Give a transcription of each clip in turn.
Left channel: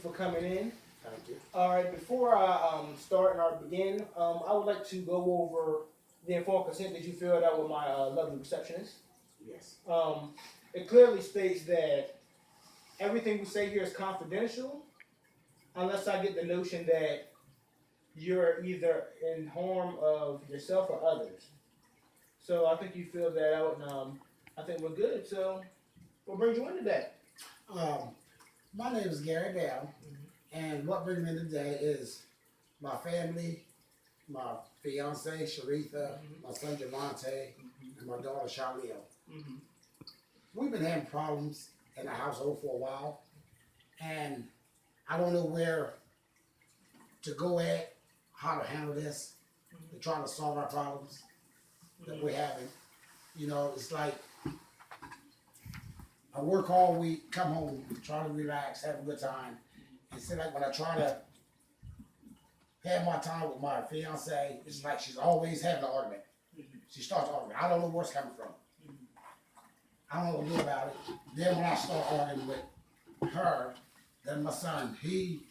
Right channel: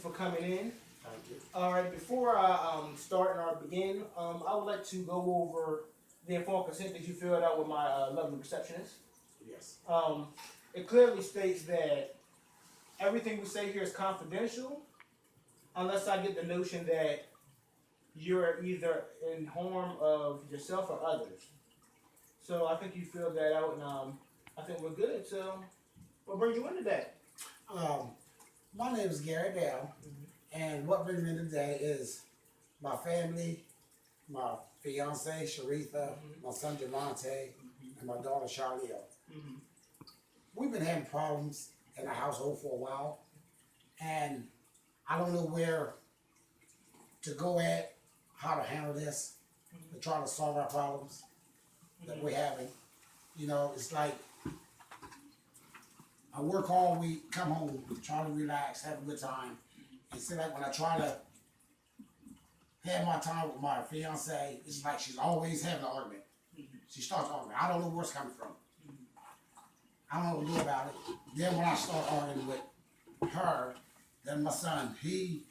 For coming in. Thank you. All right, before I start and I begin, I would like to go over the informed consent that you filled out with my lovely receptionist. Yes. Um, it clearly states that everything we say here is confidential, unless I get the notion that you're either in harm of yourself or others. So I think you filled that out, and I think we're good. So what brings you in today? Um, my name is Gary Bell, and what brings me today is my family, my fiance Sharitha, my son Javante, and my daughter Charliel. Mm-hmm. We've been having problems in the household for a while, and I don't know where to go at, how to handle this, to try to solve our problems that we're having. You know, it's like I work all week, come home, try to relax, have a good time. And so like when I try to have my time with my fiance, it's like she's always having an argument. She starts arguing. I don't know where it's coming from. I don't know what to do about it. Then when I start arguing with her, then my son, he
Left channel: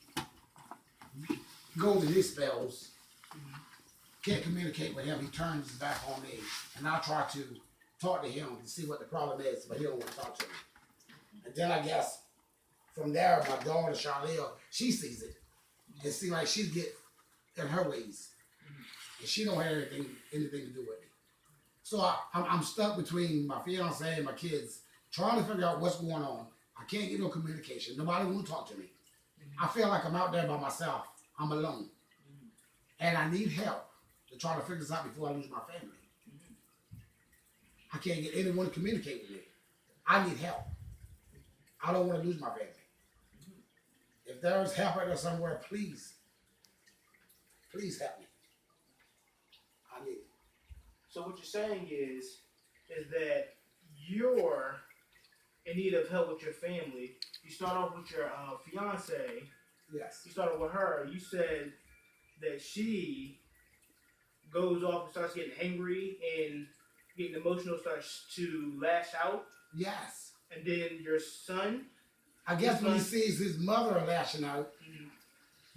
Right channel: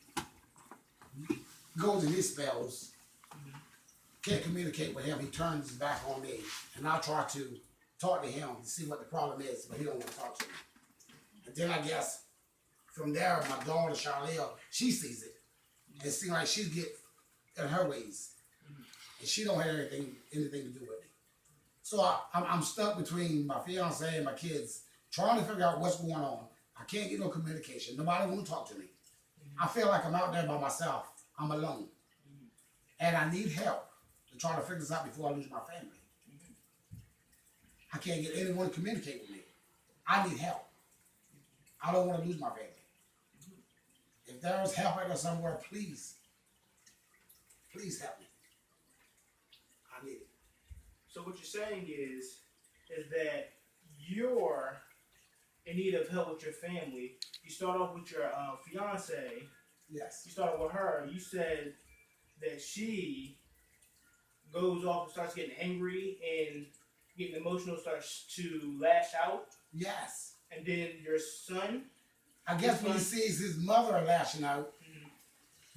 goes in his spells, can't communicate with him. He turns his back on me. And I try to talk to him to see what the problem is, but he don't want to talk to me. And then I guess from there, my daughter Charliel, she sees it. It seems like she's get in her ways, and she don't have anything to do with it. So I'm stuck between my fiance and my kids, trying to figure out what's going on. I can't get no communication. Nobody want to talk to me. I feel like I'm out there by myself. I'm alone, and I need help to try to figure this out before I lose my family. I can't get anyone to communicate with me. I need help. I don't want to lose my family. If there's help out there somewhere, please help me. I need it. So what you're saying is that you're in need of help with your family. You start off with your fiance. Yes. You started with her. You said that she goes off and starts getting angry and getting emotional, starts to lash out. Yes. And then your son. I guess when he sees his mother lashing out,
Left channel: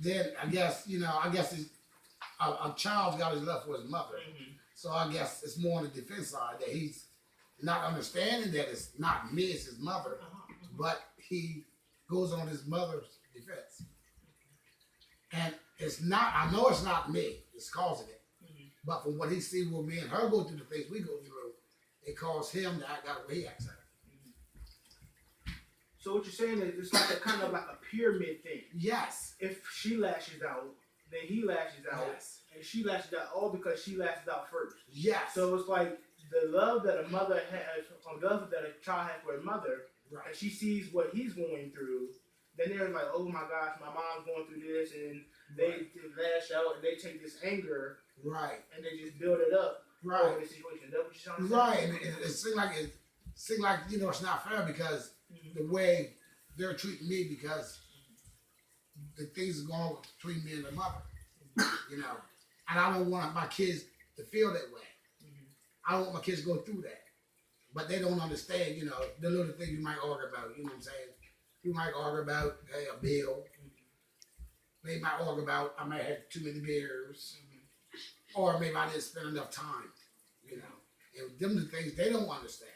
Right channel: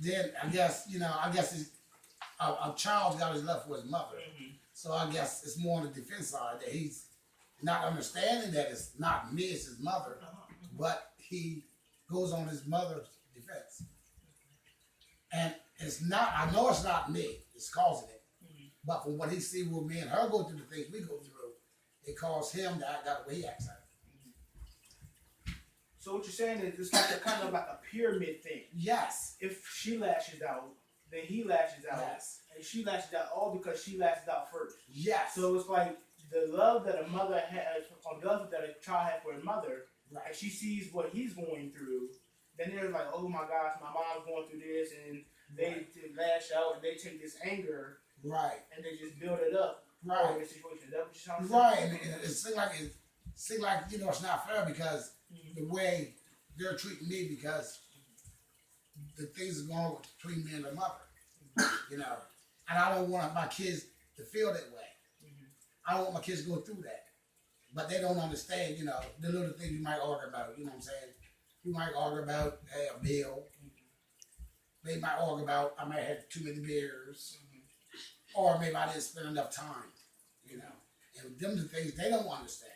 then I guess a child's got his love for his mother. So I guess it's more on the defense side that he's not understanding that it's not me, it's his mother, but he goes on his mother's defense. And it's not, I know it's not me, it's causing it. But from what he sees with me and her go through the things we go through, it caused him to act out the way he acts out. So what you're saying is it's like a kind of like a pyramid thing. Yes. If she lashes out, then he lashes out. Yes. And she lashes out all because she lashes out first. Yes. So it's like the love that a mother has, or the love that a child has for a mother, right. And she sees what he's going through, then they're like, oh my gosh, my mom's going through this, and they lash out and they take this anger, right, and they just build it up, right, in the situation. That's what you're trying to say? Right, and it seems like it's not fair because the way they're treating me because the things are going on between me and the mother, and I don't want my kids to feel that way. I don't want my kids to go through that, but they don't understand, the little things you might argue about. You know what I'm saying? You might argue about a bill. They might argue about I might have too many beers, or maybe I didn't spend enough time. And them the things they don't understand.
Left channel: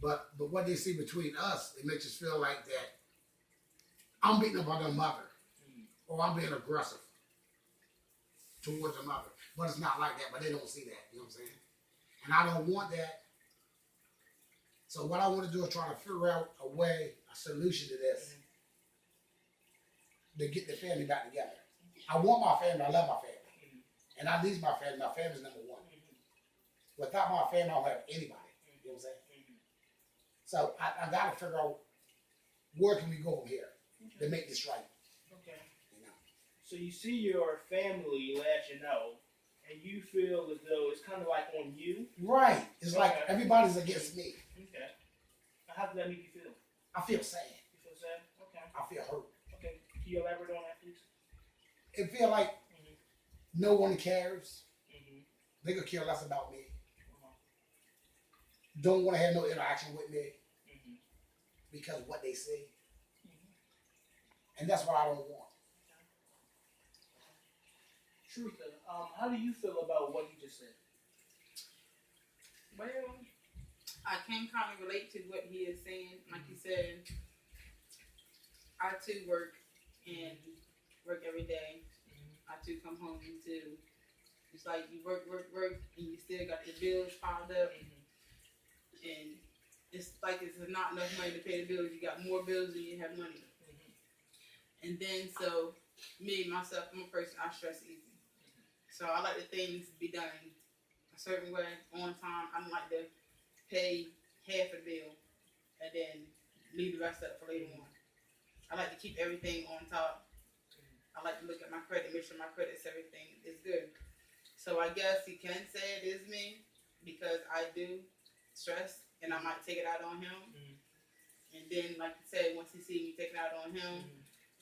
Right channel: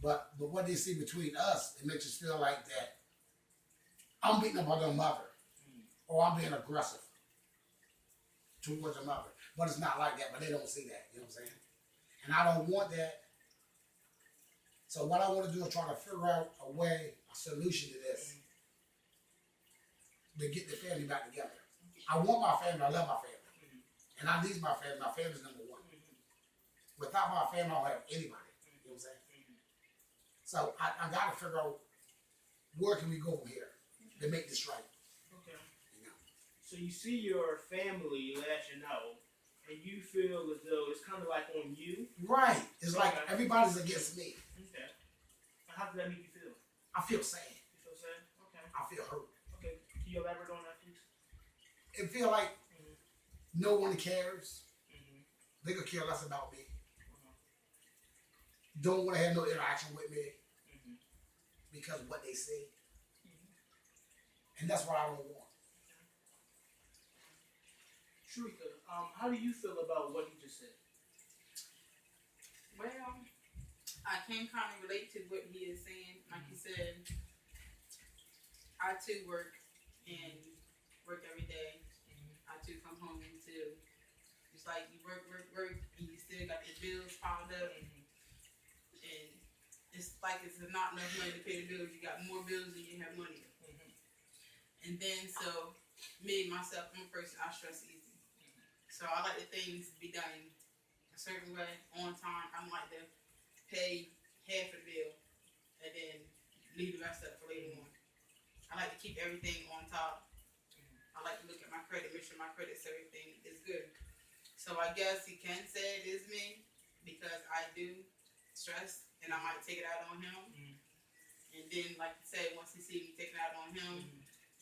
But what they see between us, it makes us feel like that I'm beating up on their mother, or I'm being aggressive towards the mother. But it's not like that. But they don't see that. You know what I'm saying? And I don't want that. So what I want to do is try to figure out a way, a solution to this, to get the family back together. I want my family. I love my family, and I need my family. My family's number one. Without my family, I don't have anybody. You know what I'm saying? So I got to figure out where can we go from here to make this right. Okay. So you see your family lashing out, and you feel as though it's kind of like on you. Right. It's like everybody's against me. Okay. How does that make you feel? I feel sad. You feel sad? Okay. I feel hurt. Okay. Can you elaborate on that, please? It feel like no one cares. They could care less about me. Don't want to have no interaction with me because of what they say. And that's what I don't want. Sharika, how do you feel about what he just said? Well, I can kind of relate to what he is saying. Like you said, I too work and work every day. I too come home too. It's like you work, and you still got your bills piled up, and it's like it's not enough money to pay the bills. You got more bills than you have money. And then so me myself, I'm a person I stress easy. So I like the things be done a certain way on time. I don't like to pay half of the bill and then leave the rest up for later on. I like to keep everything on top. I like to look at my credit, make sure my credit's everything is good. So I guess he can say it is me because I do stress and I might take it out on him. And then, like you said, once he see me taking it out on him,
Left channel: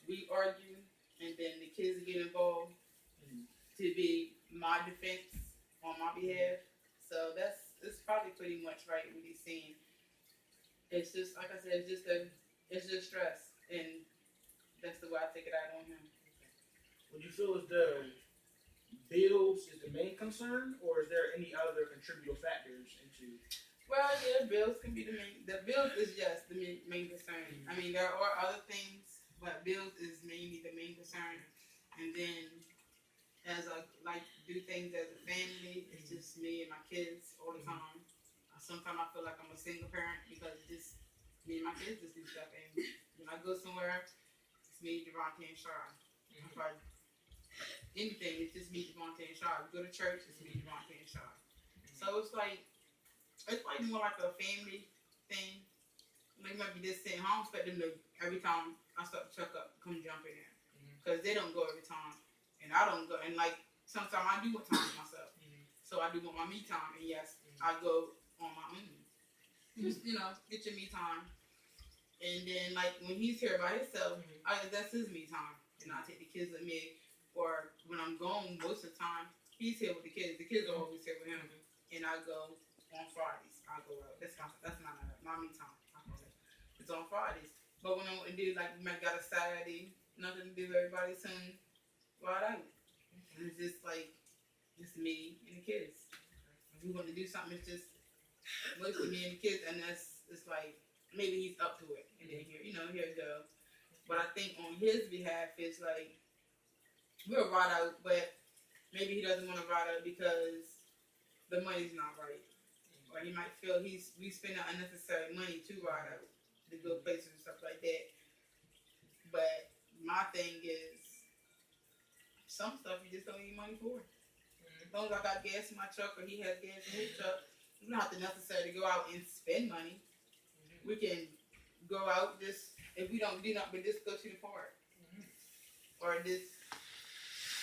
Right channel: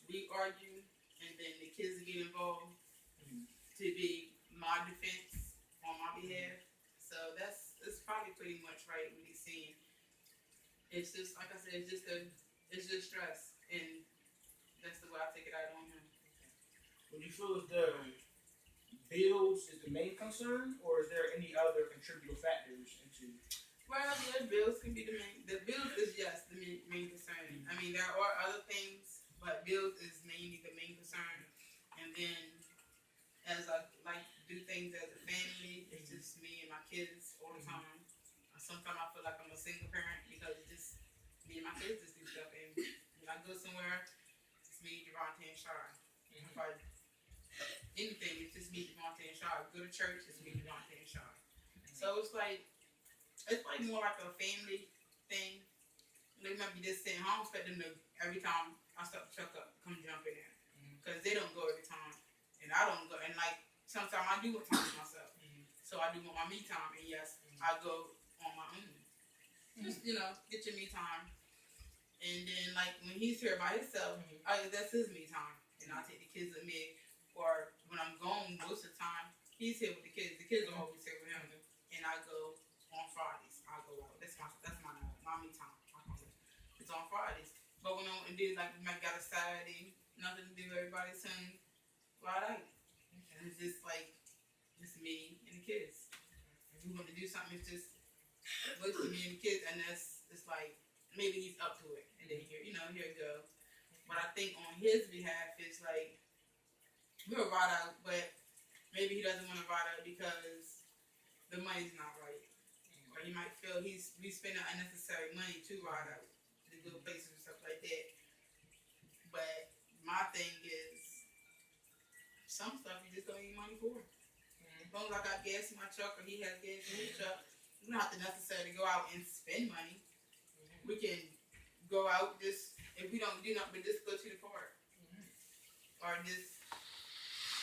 we argue, and then the kids get involved to be my defense on my behalf. So it's probably pretty much right what he's saying. It's just like I said, it's just stress, and that's the way I take it out on him. Would you feel as though bills is the main concern, or is there any other contributing factors into? Well, yeah, bills can be the main. The bills is just the main concern. I mean, there are other things, but bills is mainly the main concern. And then, as I like to do things as a family, it's just me and my kids all the time. Sometimes I feel like I'm a single parent because it's just me and my kids just do stuff. And when I go somewhere, it's me, Javante, and Shar. If I anything, it's just me, Javante, and Shar. Go to church, it's me, Javante, and Shar. So it's like more like a family thing. They might be just sitting home, expect them to every time I start the truck up, come jump in there. Because they don't go every time. And I don't go. And like, sometimes I do want time for myself. So I do want my me time. And yes, I go on my own. Just, get your me time. And then, like, when he's here by himself, that's his me time. And I take the kids with me. Or when I'm gone, most of the time, he's here with the kids. The kids are always here with him. And I go on Fridays. I go out. That's my me time. I call it. It's on Fridays. But when I do, like, you might got a Saturday, nothing to do, everybody's home, right out. And it's just like, it's me and the kids. If we want to do something, it's just mostly me and the kids, and it's like, maybe he's up to it. And then here it go. But I think on his behalf, it's like, we'll ride out, but maybe he doesn't want to ride out because the money's not right. Or he might feel we spending unnecessary money to ride out, to go places and stuff like that. But my thing is, some stuff you just don't need money for. As long as I got gas in my truck or he has gas in his truck, we don't have to necessarily go out and spend money. We can go out just, if we don't do nothing, but just go to the park. Or just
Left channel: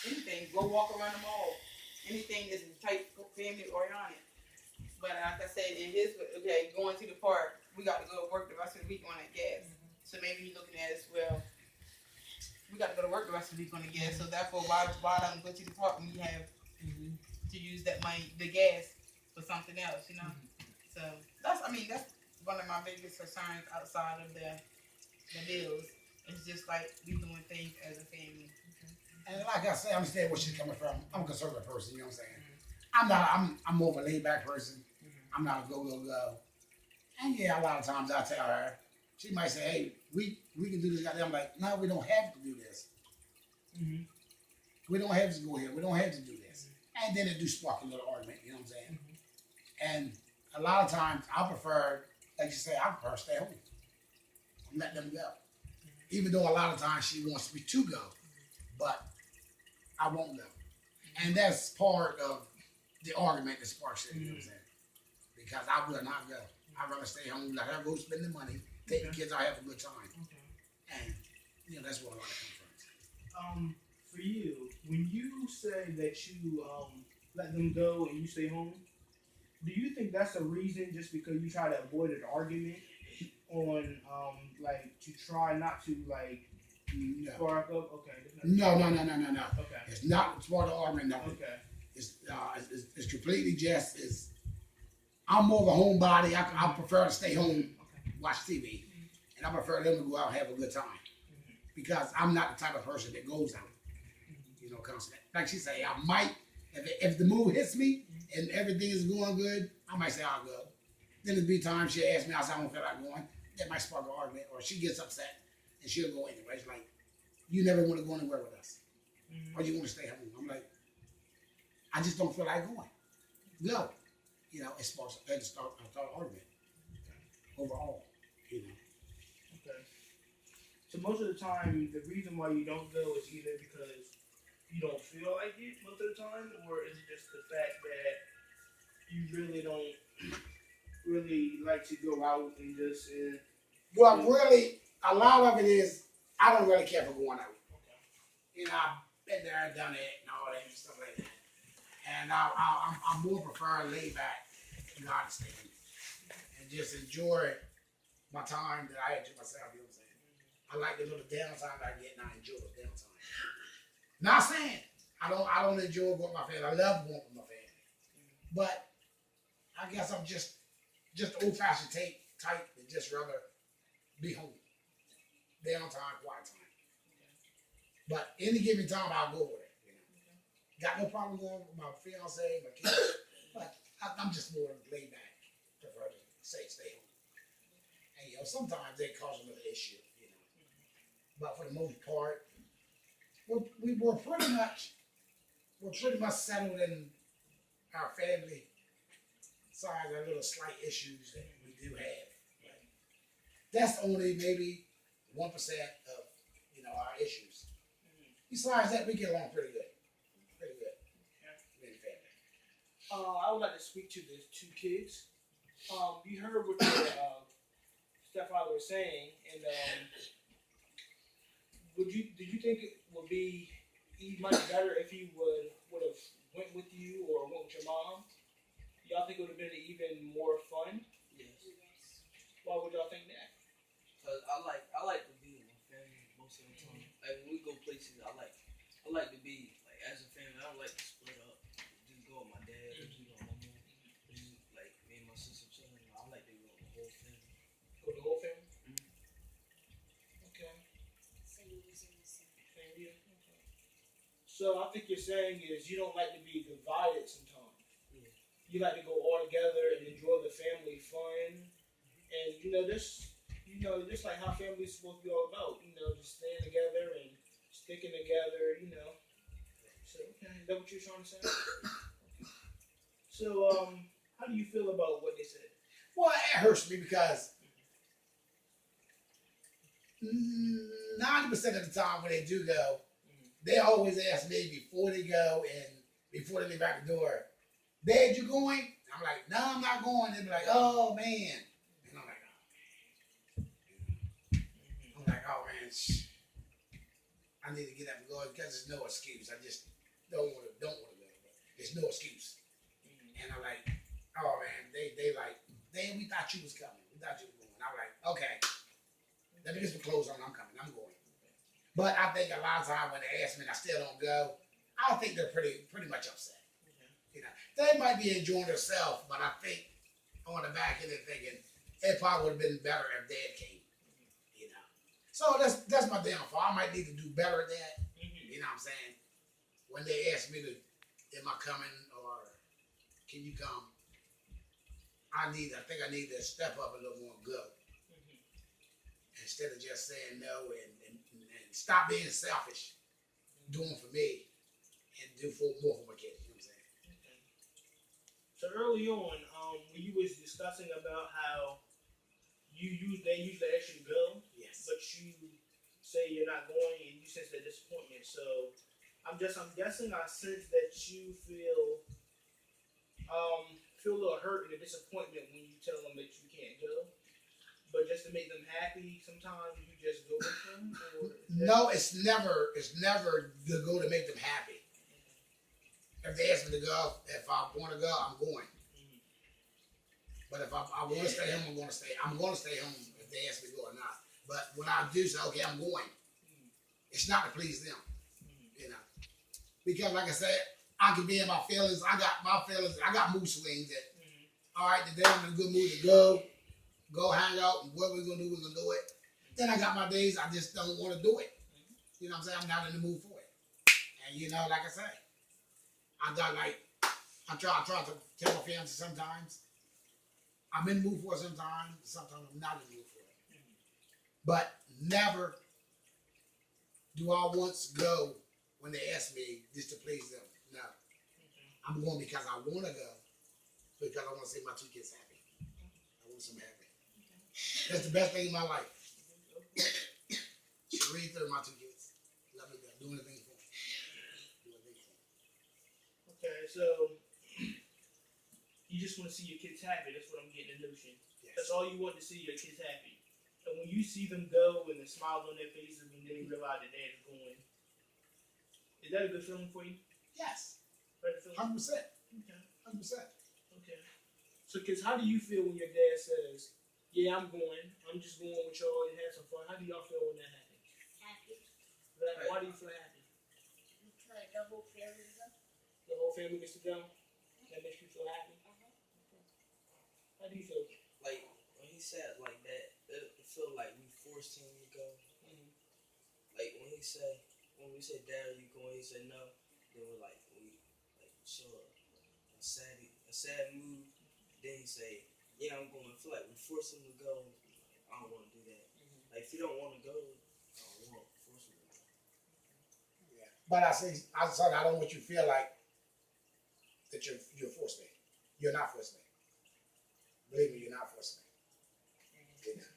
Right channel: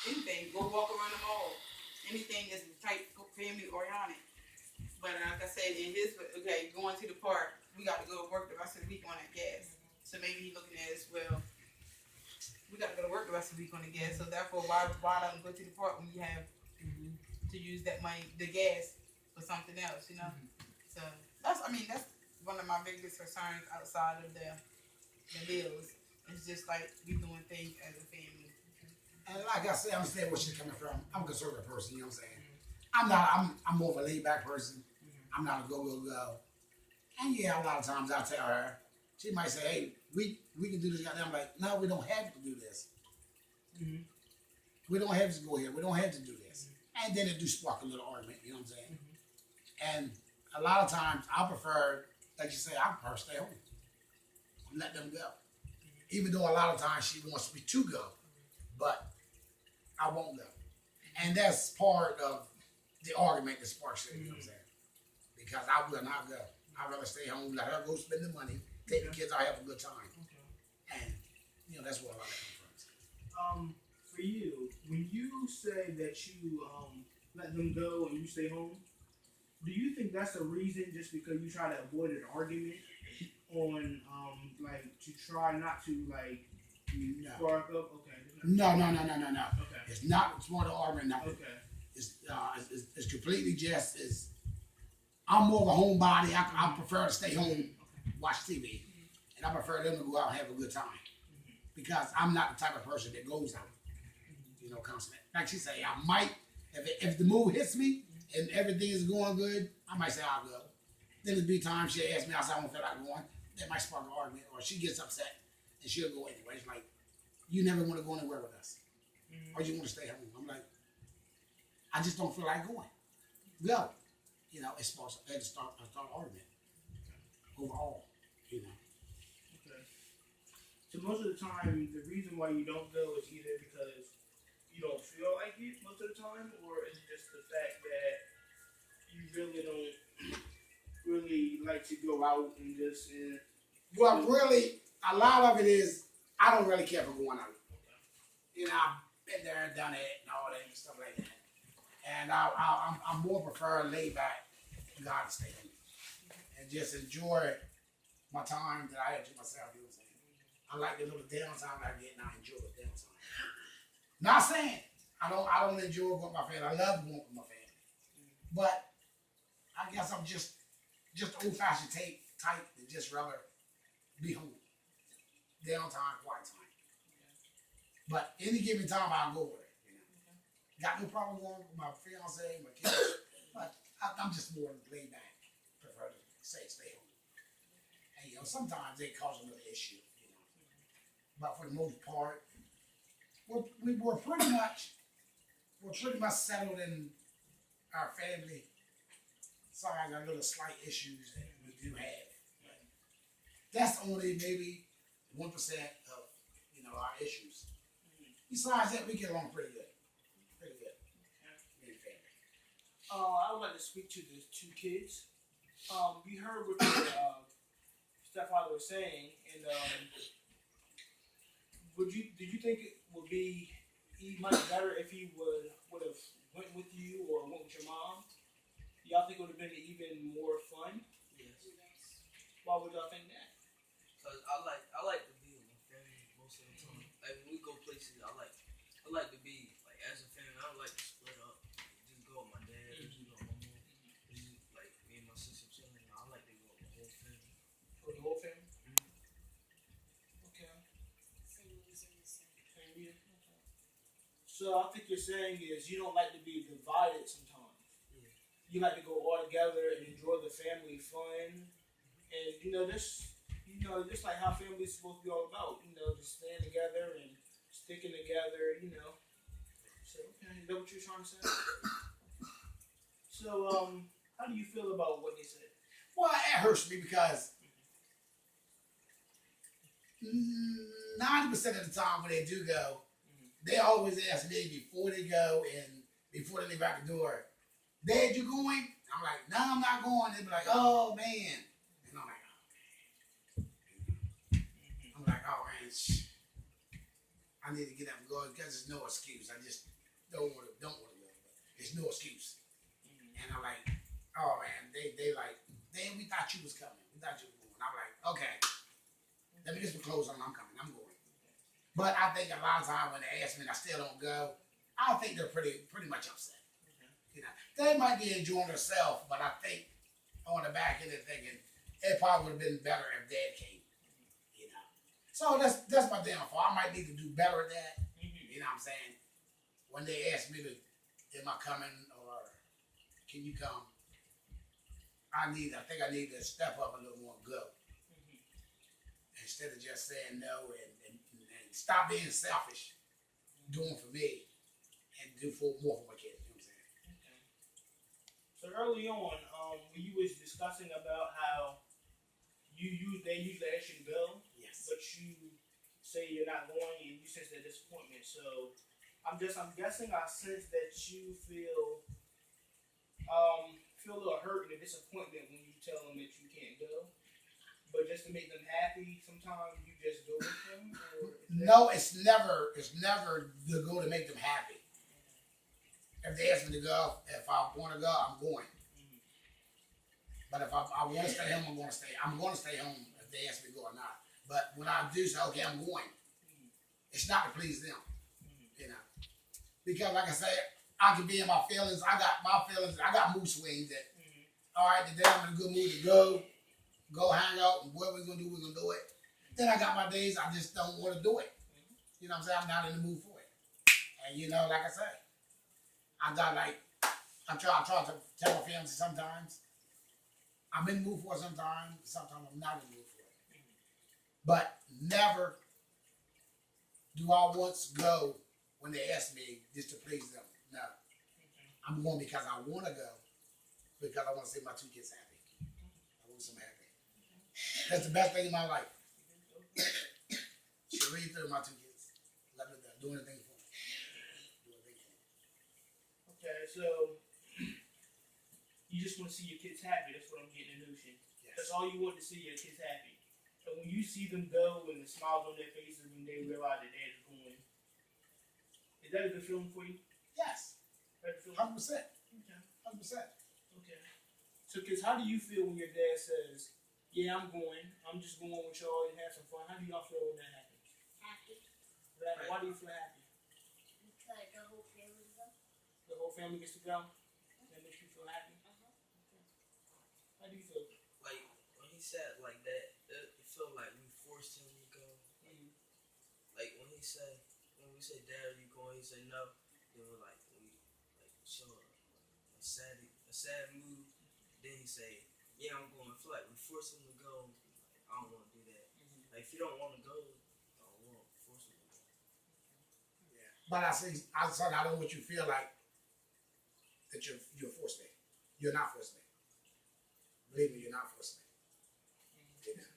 anything, go walk around the mall. Anything that's type family oriented. But like I said, going to the park, we got to go to work the rest of the week on that gas. So maybe he's looking at it as well. We got to go to work the rest of the week on the gas. So therefore, why don't go to the park when you have to use that money, the gas, for something else, So that's one of my biggest concerns outside of the bills. It's just like we doing things as a family. And like I said, I understand where she's coming from. I'm a conservative person, you know what I'm saying? I'm more of a laid back person. I'm not a go. And yeah, a lot of times I tell her, she might say, hey, we can do this. I'm like, no, we don't have to do this. We don't have to go here. We don't have to do this. And then it do spark a little argument, you know what I'm saying? And a lot of times I prefer, like you say, I prefer to stay home. Let them go. Even though a lot of times she wants me to go, but I won't go. And that's part of the argument that sparks it, you know what I'm saying? Because I will not go. I'd rather stay home, let her go spend the money, take the kids out, have a good time. And, that's where a lot of it comes from. For you, when you say that you let them go and you stay home, do you think that's a reason just because you try to avoid an argument on to try not to spark up? Okay. No. Okay. It's not part of the argument, no. Okay. It's completely just I'm more of a homebody. I prefer to stay home, watch TV, and I prefer them to go out and have a good time because I'm not the type of person that goes out, you know, constantly. Like she say, I might, if the mood hits me and everything is going good, I might say I'll go. Then there'll be times she'll ask me, I say I don't feel like going. That might spark an argument, or she gets upset and she'll go anyway. It's like, you never want to go anywhere with us, or you want to stay home. I'm like, I just don't feel like going. Go. You know, it sparks a start argument overall, you know. Okay. So most of the time, the reason why you don't go is either because you don't feel like it most of the time, or is it just the fact that you really don't really like to go out and just. Well, really, a lot of it is I don't really care for going out. Okay. You know, I've been there and done it and all that and stuff like that. And I'm more prefer lay back, God stay home, and just enjoy my time that I had to myself. You know what I'm saying? I like the little downtime I get, and I enjoy the downtime. Not saying I don't enjoy going with my family. I love going with my family, but I guess I'm just old fashioned type that just rather be home, downtime, quiet time. But any given time, I'll go with it. You know, got no problem going with my fiance, my kids, but I'm just more laid back. Prefer to stay home. And you know, sometimes they cause another issue. You know, but for the most part, we're pretty much settled in our family side. Our little slight issues that we do have. But that's only maybe 1% of our issues. Besides that, we get along pretty good. Pretty good. Me and family. I would like to speak to the two kids. You heard what your stepfather was saying, and do you think it would be much better if he would have went with you or went with your mom? Y'all think it would have been even more fun? Yes. Why would y'all think that? Cause I like to be with my family most of the time. Like when we go places, I like to be like as a family. I don't like to split up. Just go with my dad or my mom. Just like me and my sister chilling. I like to go with the whole family. With the whole family? Okay. Same reason. Same here. Okay. So I think you're saying is you don't like to be divided sometimes. Yeah. You like to go all together and enjoy the family fun, and just like how family's supposed to be all about. Just staying together and sticking together. So okay, is that what you're trying to say? So how do you feel about what they said? Well, it hurts me because 90% of the time when they do go, they always ask me before they go and before they leave out the door, Dad, you going? I'm like, no, I'm not going. They be like, oh man. And I'm like, oh man, I need to get up and go because there's no excuse. I just don't want to go. There's no excuse. And I'm like, oh man, they like, damn, we thought you was coming. We thought you was going. I'm like, okay, let me get some clothes on. I'm coming. I'm going. But I think a lot of times when they ask me and I still don't go, I think they're pretty much upset. They might be enjoying themselves, but I think on the back end they're thinking it probably would have been better if Dad came. So that's my downfall. I might need to do better at that. You know what I'm saying? When they ask me am I coming or can you come? I think I need to step up a little more and go. Instead of just saying no and stop being selfish, doing for me and do more for my kids. You know what I'm saying? So early on, when you was discussing about how they usually ask you to go, Yes. but you say you're not going and you sense that disappointment. So I'm guessing I sense that you feel a little hurt and a disappointment when you tell them that you can't go. But just to make them happy, sometimes you just go with them. No, it's never the goal to make them happy. If they ask me to go, if I want to go, I'm going. But if I want to stay home, I'm going to stay. I'm going to stay home if they ask me to go or not. But when I do say, okay, I'm going, it's not to please them, Because like I said, I can be in my feelings. I got my feelings. I got mood swings that, all right, today I'm in a good mood to go hang out, and what we're going to do, we're going to do it. Then I got my days I just don't want to do it. You know what I'm saying? I'm not in the mood for it. And you know, like I say, I try to tell my family sometimes I'm in the mood for it sometimes I'm not in the mood for it. But never do I once go when they ask me just to please them. No. I'm going because I want to go, because I want to see my 2 kids happy. I want them happy. That's the best thing in my life. She read through my 2 kids. Let me do anything for them. Do anything for them. Okay, so you just want to see your kids happy. That's what I'm getting the notion. Yes. That's all you want to see, your kids happy. And when you see them go and the smiles on their faces when they realize that dad's going, is that a good feeling for you? Yes. Right feeling? 100%. Okay. 100%. Okay. So, kids, how do you feel when your dad says, "Yeah, I'm going. I'm just going with y'all and have some fun"? How do y'all feel when that happens? Happy. Why do you feel happy? Because the whole family go. The whole family gets to go. That makes you feel happy. Okay. How do you feel? Like when he said like that, it felt like we forced him to go. Mm-hmm. Like when we said, "Dad, are you going?" He said no. Then we show a sad mood. Then he say, "Yeah, I'm going." I feel like we force him to go. Like, I don't want to do that. Mm-hmm. Like if you don't want to go, I don't want to force him to go. Yeah. But I don't want you to feel like that you're forced me. You're not forced me. Believe me, you're not forced me. You know?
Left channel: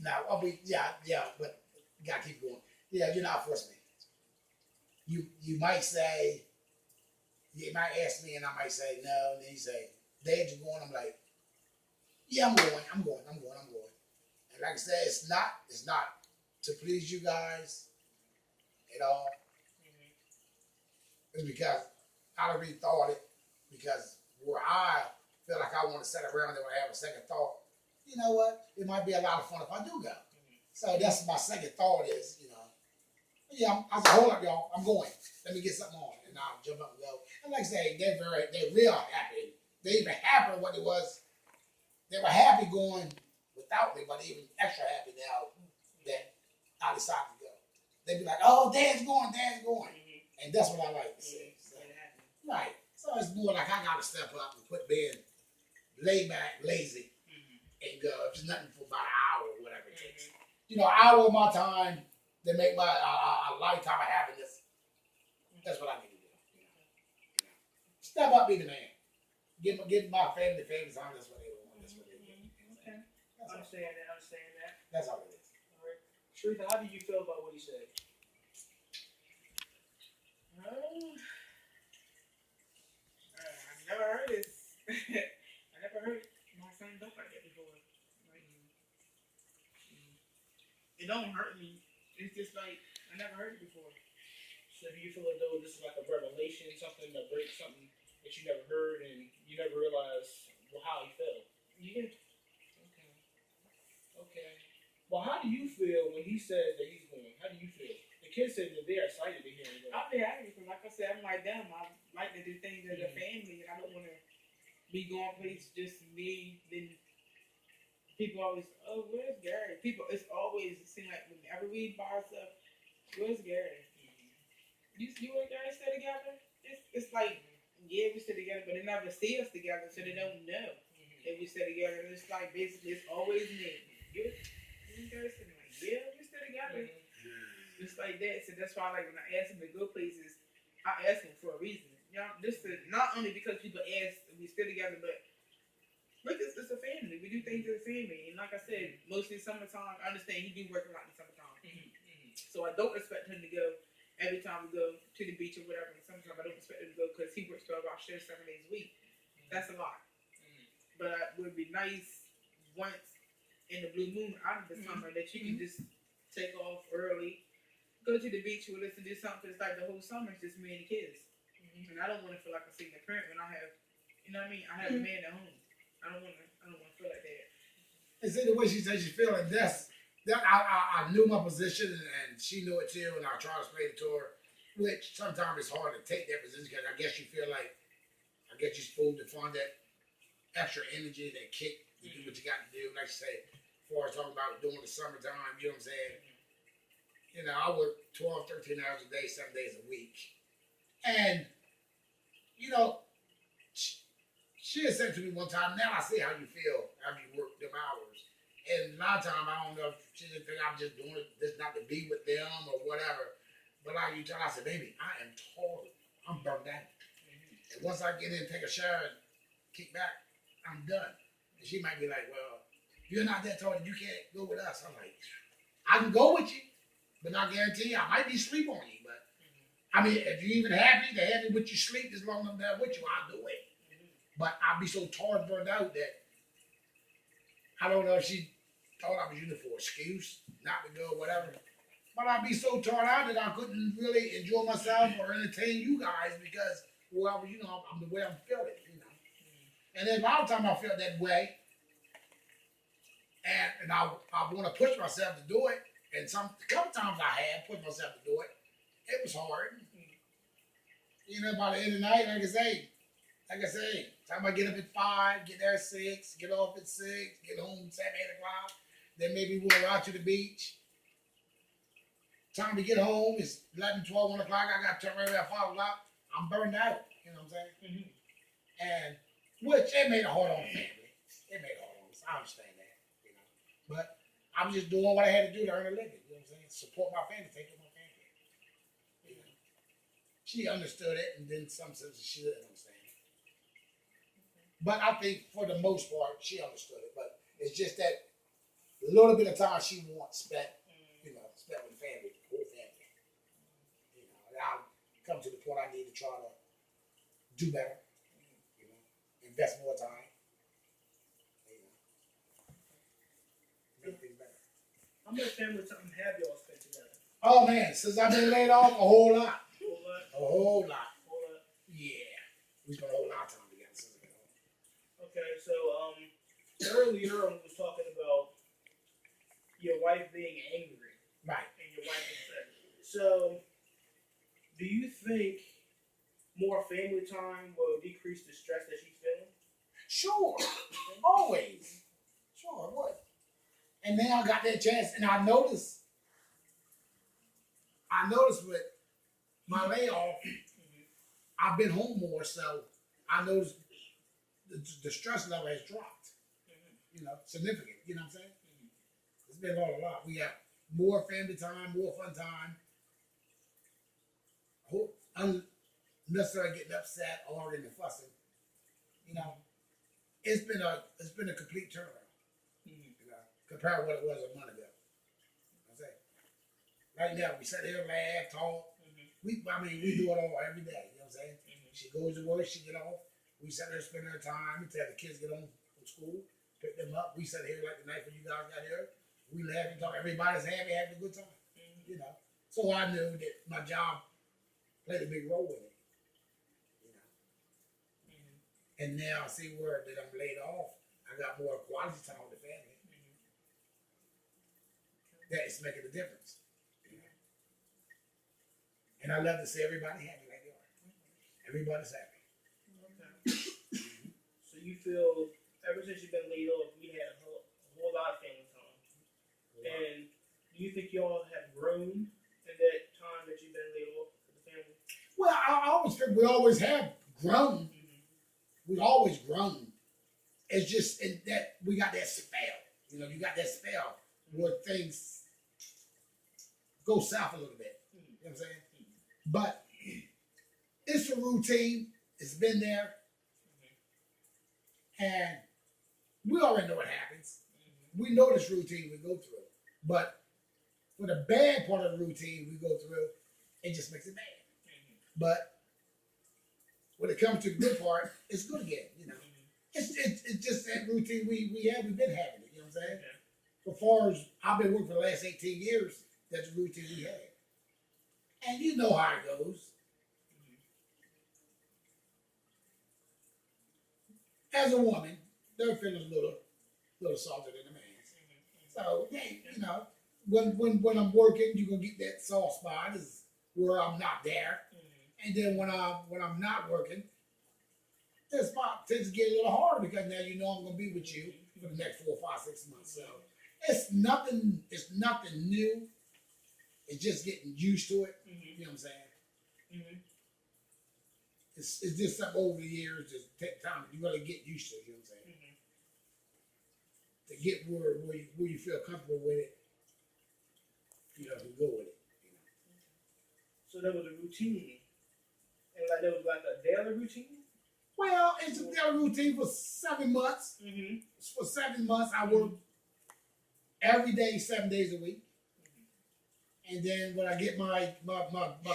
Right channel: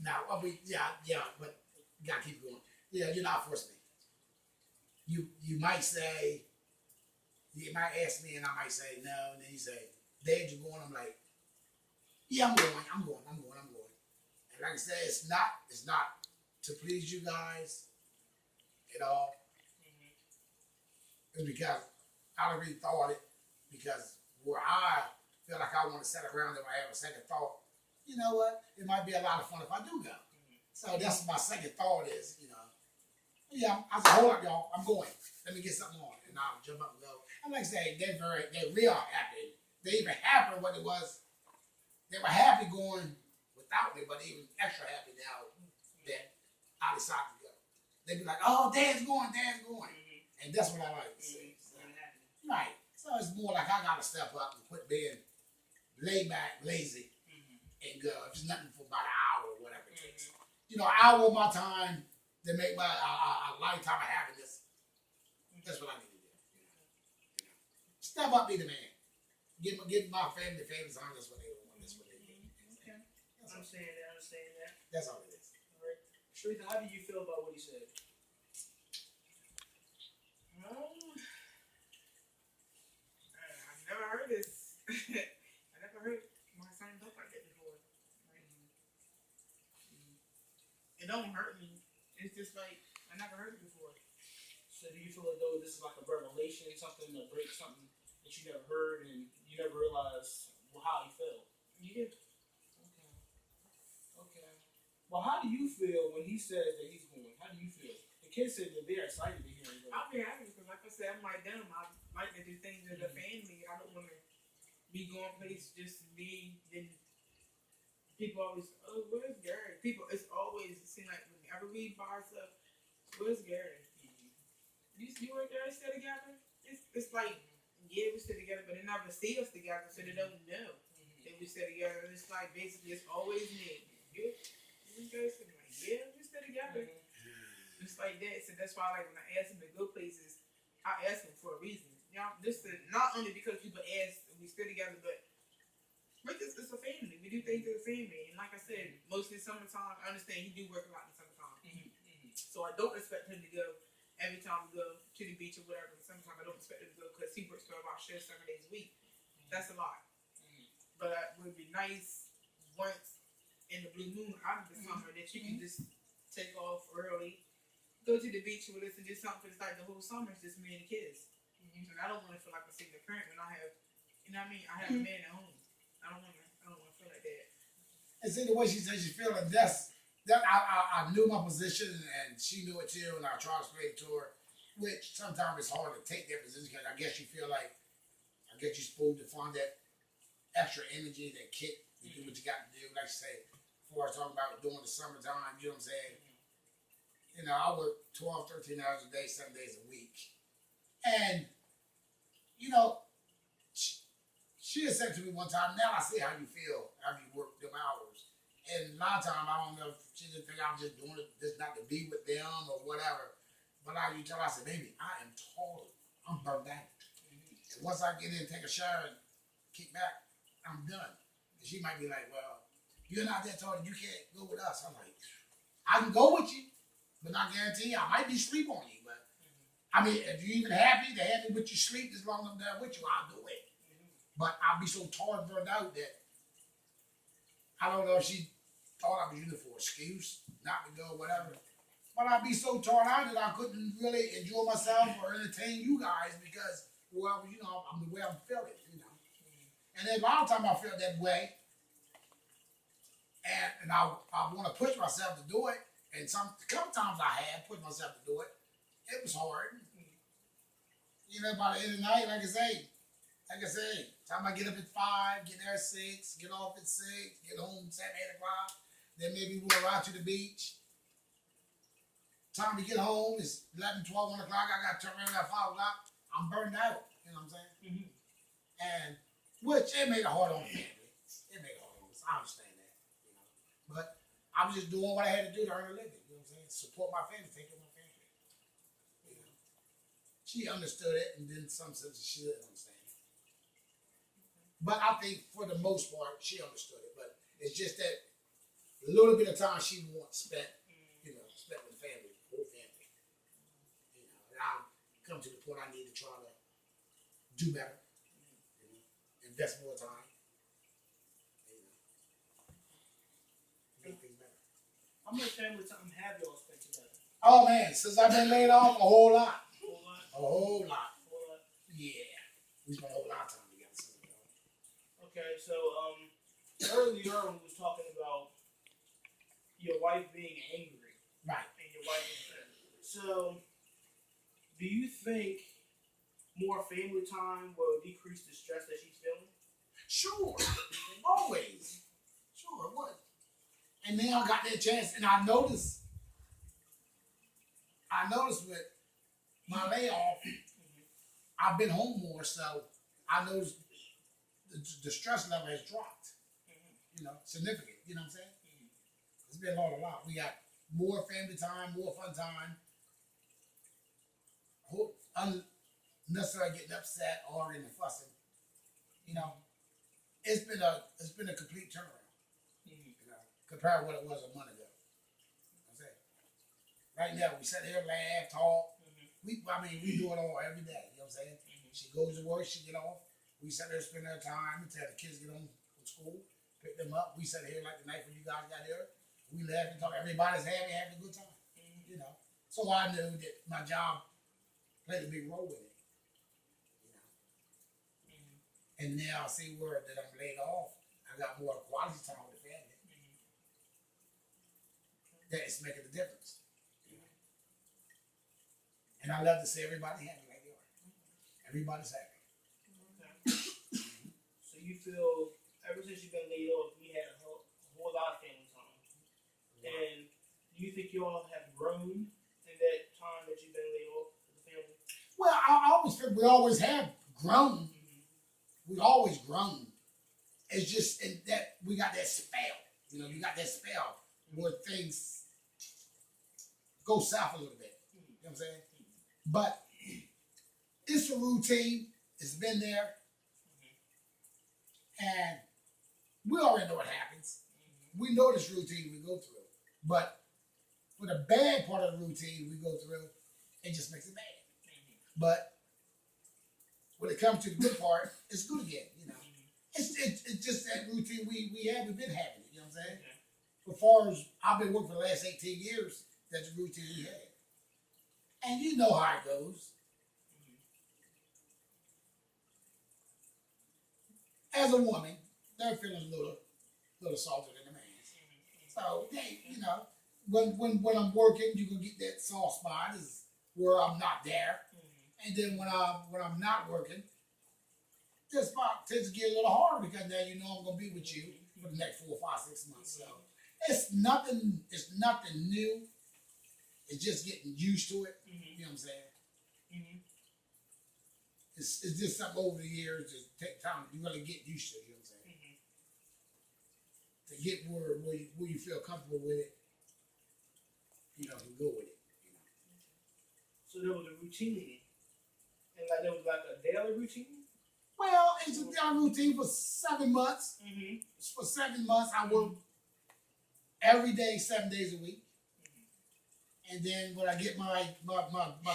Now, but you gotta keep going. Yeah, you're not forcing me. You might say, you might ask me, and I might say no, and then you say, "Dad, you going?" I'm like, "Yeah, I'm going. And like I said, it's not to please you guys at all. It's because I already thought it. Because where I feel like I want to sit around and I have a second thought, you know what? It might be a lot of fun if I do go. So that's my second thought is, yeah, I said, hold up, y'all, I'm going. Let me get something on, and I'll jump up and go. And like I say, they're real happy. They even happier what it was. They were happy going without me, but even extra happy now that I decided to go. They'd be like, "Oh, Dad's going," and that's what I like to see. So, right. So it's more like I gotta step up and quit being laid back, lazy, and go. If it's nothing for about an hour or whatever it takes. An hour of my time to make my a lifetime of happiness. That's what I need to do. Step up, be the man. Give my family the famous time. That's what they want. That's what they do. Okay. Understand that. That's all it is. All right. Sharita, how do you feel about what he said? I never heard this. I never heard my son talk like that before. It don't hurt me. It's just like I never heard it before. So do you feel as though this is like a revelation, something to break something that you never heard and you never realized how he felt? Yeah. Okay. Well, how do you feel when he says that he's going? How do you feel? The kids said that they're excited to hear him go. I'll be happy because, like I said, I'm like them. I like to do things as a family. I don't want to be going places just me. Then people always, "Oh, where's Gary?" It's always it seems like whenever we by ourselves, "Where's Gary?" You and Gary still together? It's like yeah, we still together, but they never see us together, so they don't know that we still together. And it's like basically it's always me. You and Gary still like yeah, we still together. Just like that. So that's why, like, when I ask him to go places, I ask him for a reason. Just to, not only because people ask if we still together, but it's a family. We do things as a family. And like I said, mostly summertime, I understand he do work a lot in the summertime. So I don't expect him to go every time we go to the beach or whatever. In the summertime, I don't expect him to go because he works 12-hour shifts 7 days a week. That's a lot. But it would be nice once in the blue moon out of the summer that you can just take off early. Go to the beach with us and do something. It's like the whole summer is just me and the kids. And I don't want to feel like a single parent when I have, I have a man at home. I don't want to feel like that. And see the way she says she's feeling. I knew my position and she knew it too, and I tried to explain it to her. Which sometimes it's hard to take that position because I guess you feel like, you're supposed to find that extra energy, that kick to do what you got to do. Like you said, as far as talking about during the summertime, you know what I'm saying? You know, I work 12, 13 hours a day, 7 days a week. And, you know, she had said to me one time, now I see how you feel after you work them hours. And a lot of times, I don't know if she didn't think I was just doing it just not to be with them or whatever. But I tell her, I said, baby, I am tired. I'm burnt out. And once I get in, take a shower, and kick back, I'm done. And she might be like, well, you're not that tired, you can't go with us. I'm like, I can go with you, but I guarantee you, I might be sleep on you. But I mean, if you're even happy to have me with you sleep as long as I'm there with you, I'll do it. But I'll be so tired, burned out that I don't know if she thought I was using it for an excuse not to go, whatever. But I'd be so torn out that I couldn't really enjoy myself or entertain you guys because, well, you know, I'm the way I'm feeling, you know. And then a lot of times I felt that way, and I want to push myself to do it. And a couple times I had pushed myself to do it. It was hard. You know, by the end of the night, like I say, time I get up at 5, get there at 6, get off at 6, get home 7, 8 o'clock, then maybe we'll ride to the beach. Time to get home is 11, 12, 1 o'clock. I got to turn around at 5 o'clock. I'm burned out. You know what I'm saying? And which it made it hard on the family. It made it hard on us. I understand that. You know, but I was just doing what I had to do to earn a living. You know what I'm saying? Support my family, take care of my family. You know, she understood it, and then some sense she didn't understand. But I think for the most part, she understood it. But it's just that little bit of time she wants spent, you know, spent with the family, whole family. You know, and I'll come to the point I need to try to do better. You know, invest more time. You know, make things better. How much family time have y'all spent together? Oh man, since I've been laid off, a whole lot. Whole lot? A whole lot. Whole lot? Yeah. We spent a whole lot of time together since I've been off. Okay, so earlier we was talking about your wife being angry. Right. And your wife is upset. So, do you think more family time will decrease the stress that she's feeling? Sure. Always. Sure, it would. And then I got that chance, and I noticed with my layoff, I've been home more, so I noticed the stress level has dropped. You know, significant. You know what I'm saying? It's been a lot. We got more family time, more fun time. Unnecessarily getting upset, arguing and fussing. You know, it's been a complete turnaround. You know, compared to what it was a month ago. I'm saying. Right now, we sit here, laugh, talk. We do it all every day. You know what I'm saying? She goes to work, she get off. We sit there, spend our time until the kids get home from school, pick them up. We sit here like the night when you guys got here. We laugh and talk. Everybody's happy, having a good time. You know. So I knew that my job played a big role in it. You know. And now I see where that I'm laid off. I got more quality time with the family. That is making a difference. You know. And I love to see everybody happy like they are. Everybody's happy. Okay. So you feel ever since you've been laid off, you had a whole lot of family time. And do you think y'all have grown in that time that you've been laid off with the family? Well, I always feel we always have grown. We've always grown. It's just in that we got that spell. You know, you got that spell where things go south a little bit. You know what I'm saying? But it's a routine. It's been there. And we already know what happens. We know this routine we go through. But for the bad part of the routine we go through, it just makes it bad. But when it comes to the good part, it's good again, you know. It's just that routine we've been having it, you know what I'm saying? As far as I've been working for the last 18 years, that's the routine we had. And you know how it goes. As a woman, their feelings a little softer than a man's. So they, you know, when I'm working, you're gonna get that soft spot is where I'm not there. And then when I'm not working, this spot tends to get a little harder because now you know I'm gonna be with you for the next 4, 5, 6 months. So it's nothing new. It's just getting used to it. Mm-hmm. You know what I'm saying? Mm-hmm. It's just something over the years that take time. You really get used to it. You know what I'm saying? Mm-hmm. To get where you feel comfortable with it, you know, to go with it. You know. So that was a routine, and like that was like a daily routine. Well, it's a daily routine for 7 months. Mm-hmm. For 7 months, I work every day, 7 days a week. And then when I get my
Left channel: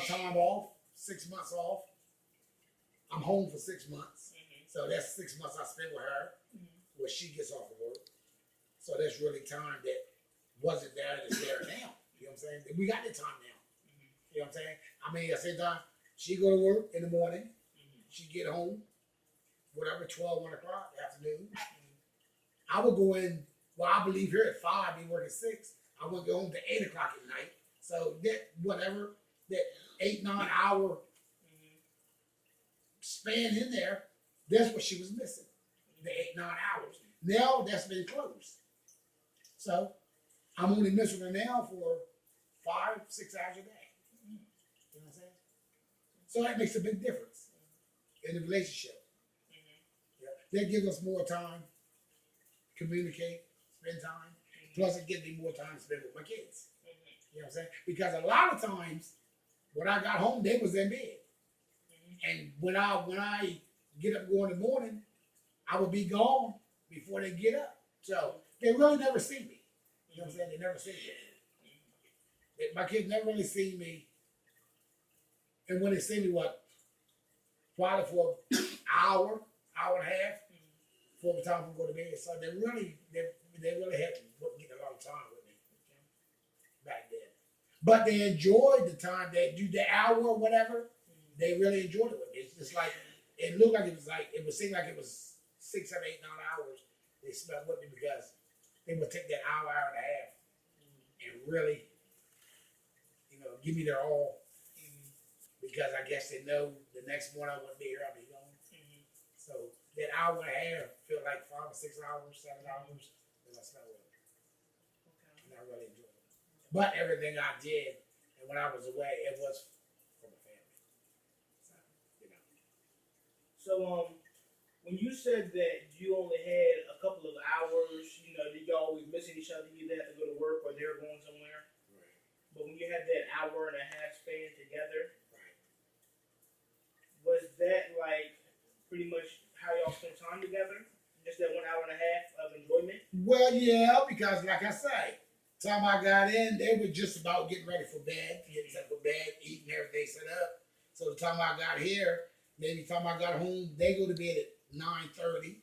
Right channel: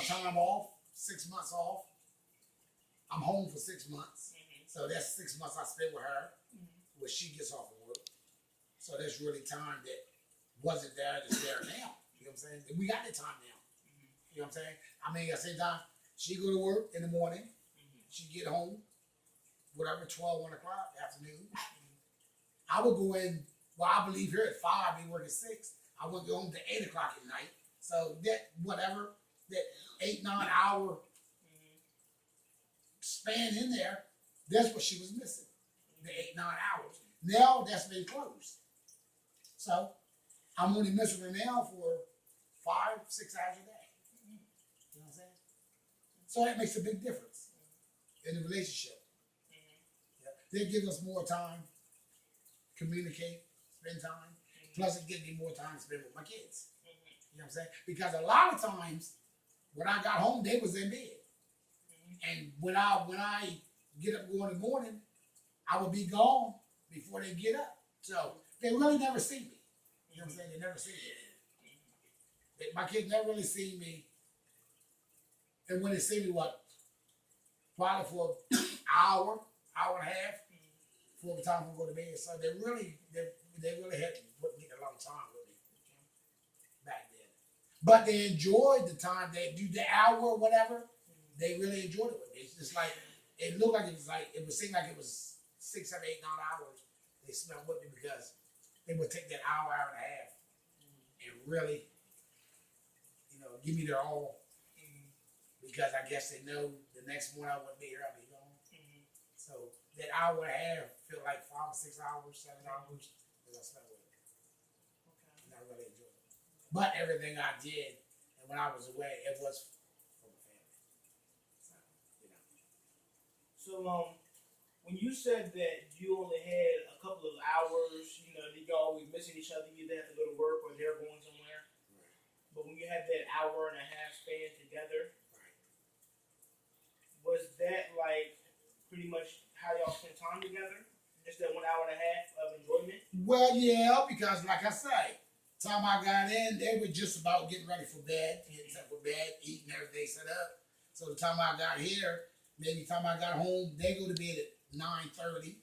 time off, 6 months off, I'm home for 6 months. Mm-hmm. So that's 6 months I spend with her, where she gets off of work. So that's really time that wasn't there that's there now. You know what I'm saying? We got the time now. You know what I'm saying? I mean, at the same time, she go to work in the morning. She get home, whatever, 12, 1 o'clock, afternoon. I would go in, well, I believe here at 5, be working 6. I would go home to 8 o'clock at night. So that, whatever, that 8, 9 hour span in there, that's what she was missing. The 8, 9 hours. Now that's been closed. So I'm only missing her now for 5, 6 hours a day. You know what I'm saying? So that makes a big difference in the relationship. Yeah. That gives us more time, communicate, spend time. Plus it gives me more time to spend with my kids. You know what I'm saying? Because a lot of times when I got home, they was in bed. And when I get up go in the morning, I would be gone before they get up. So they really never see me. You know what I'm saying? They never see me. My kids never really see me. And when they see me, probably for an hour and a half, before the time we go to bed. So they really had wouldn't get a lot of time with me back then. But they enjoyed the time. They do the hour or whatever. They really enjoyed it with me. It's just like it looked like it seemed like it was 6, 7, 8, 9 hours they spent with me because they would take that hour and a half and really, give me their all. Because I guess they know the next morning I wouldn't be here, I'd be gone. So that hour and a half feel like 5 or 6 hours, 7 hours that I spent with them. And I really enjoyed it. But everything I did, and when I was away, it was for my family. So, when you said that you only had a couple of hours, that you always missing each other, you either have to go to work or they're going somewhere. Right. But when you had that hour and a half span together, Right. was that like pretty much how y'all spent time together? Just that 1 hour and a half of enjoyment? Well, yeah, because like I say, time I got in, they were just about getting ready for bed, getting set for bed, eating everything set up. So the time I got here, maybe the time I got home, they go to bed at 9:30.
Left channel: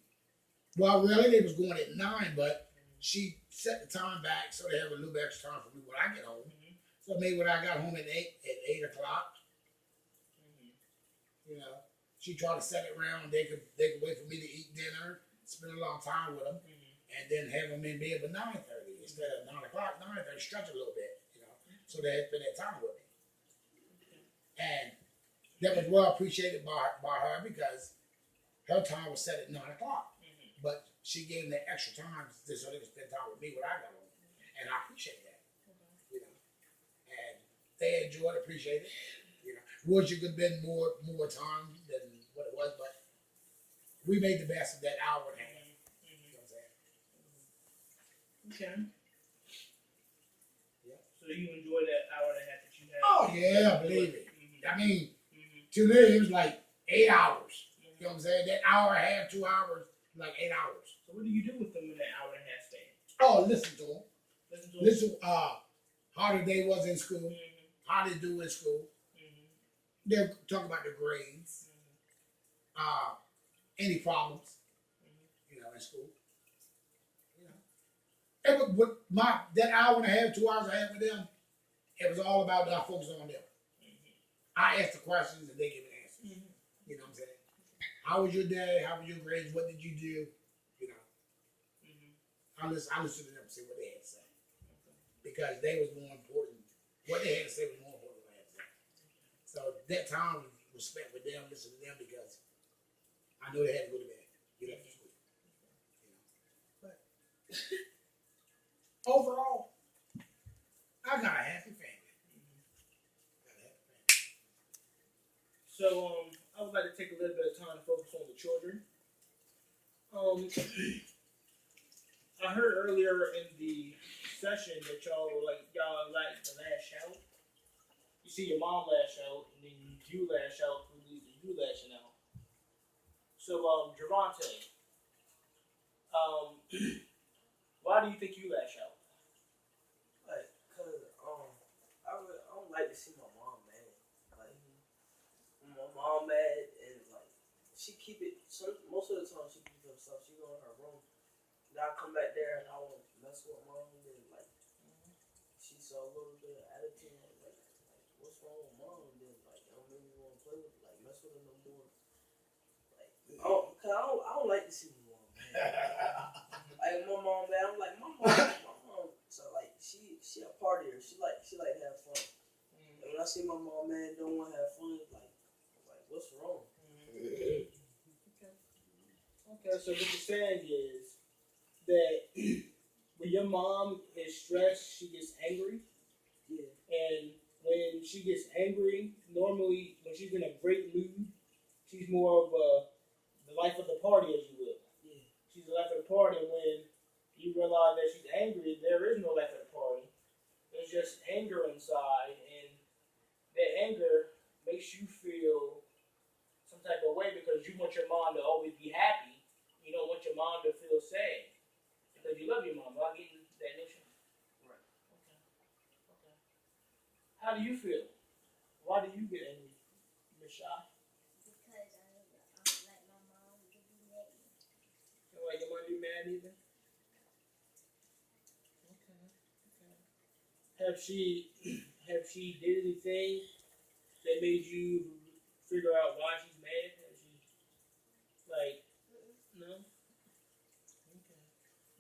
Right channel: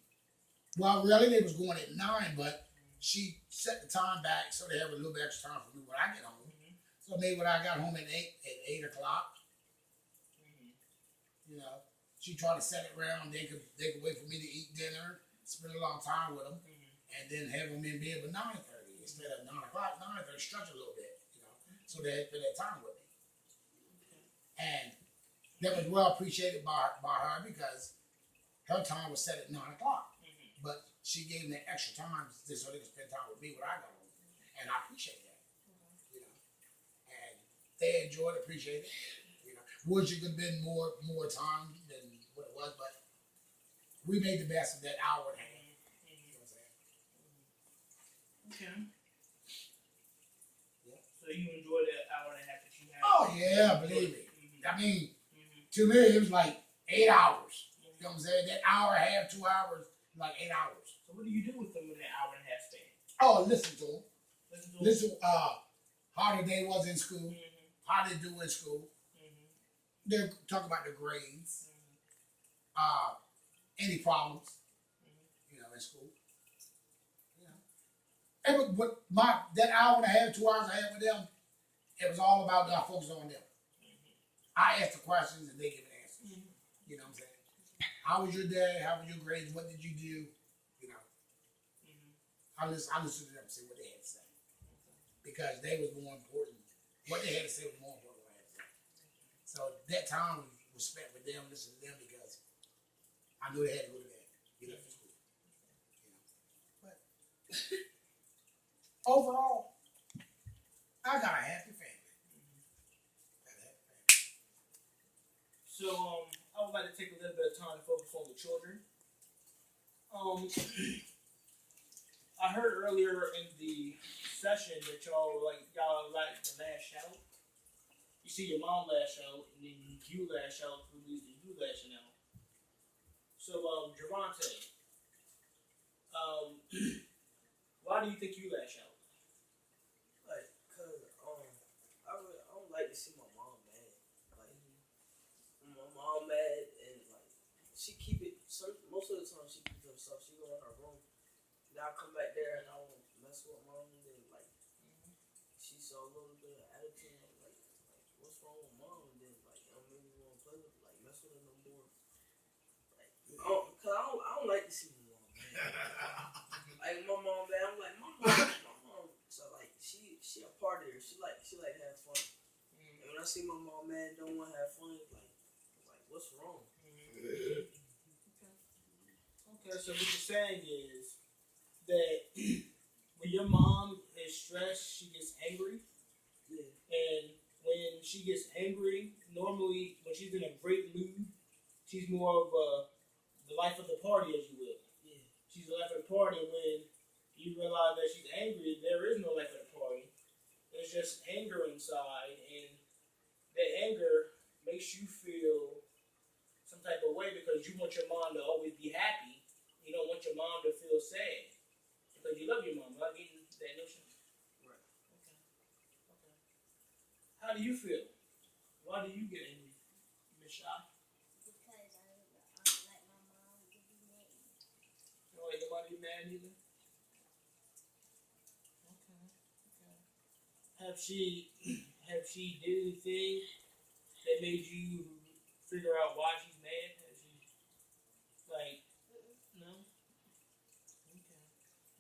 Well, really, they was going at 9, but she set the time back so they have a little bit extra time for me when I get home. So maybe when I got home at 8 o'clock, she tried to set it around. They could wait for me to eat dinner, spend a long time with them, and then have them in bed by 9:30 instead of 9 o'clock. 9:30, stretch a little bit, so they had spent that time with me. And that was well appreciated by her because her time was set at 9 o'clock. But she gave them that extra time just so they could spend time with me when I got home. And I appreciate that. And they enjoyed it, appreciated it. Wish it could have been more time than what it was, but we made the best of that hour and a half. You know what I'm saying? Okay. Yeah. So you enjoyed that hour and a half that you had? Oh yeah, believe it. I mean, to me it was like 8 hours. You know what I'm saying? That hour and a half, 2 hours, like 8 hours. So what do you do with them in that hour and a half span? Oh, listen to them. Listen to them? How the day was in school, how they do in school. They're talking about their grades, any problems, in school. It was that hour and a half, 2 hours I had with them. It was all about I focus on them. I ask the questions and they give the answers. You know what I'm saying? How was your day? How was your grades? What did you do? I listen to them, see what they had to say. Because they was more important. What they had to say was more important than what I had to say. So that time was spent with them, listening to them because I knew they had to go to bed, get up for school. But overall, I got a happy family. So I would like to take a little bit of time to focus on the children. Um, I heard earlier in the session that y'all like the last shout. You see your mom lash out, and then you lash out through you lashing out. So Javante, um, why do you think you lash out? Like, cause I don't like to see my mom mad. Like, when my mom mad and like she keep it. Most of the time she keep it to herself. She go in her room. Then I come back there and I want to mess with mom. And then like she saw a little bit of attitude. Like what's wrong with mom? And then like it don't make me want to play with like mess with her no more. Like cause I don't like to see my mom mad. Like my mom mad. I'm like my mom. So like she a partier. She like to have fun. And when I see my mom mad, don't want to have fun. Like what's wrong? Okay, so what you're saying is that when your mom is stressed, she gets angry, Yeah. and when she gets angry, normally when she's in a great mood, she's more of the life of the party, as you will. Yeah. She's the life of the party. And when you realize that she's angry, there is no life of the party. There's just anger inside, and that anger makes you feel some type of way because you want your mom to always be happy. You don't want your mom to feel sad because you love your mom. Am I getting that notion? Right. Okay. Okay. How do you feel? Why do you get angry, Miss Shaw? Because I don't like my mom to be mad. You don't like your mom to be mad either? Okay. Okay. Have she did anything that made you figure out why she's mad? Has she like no? Okay.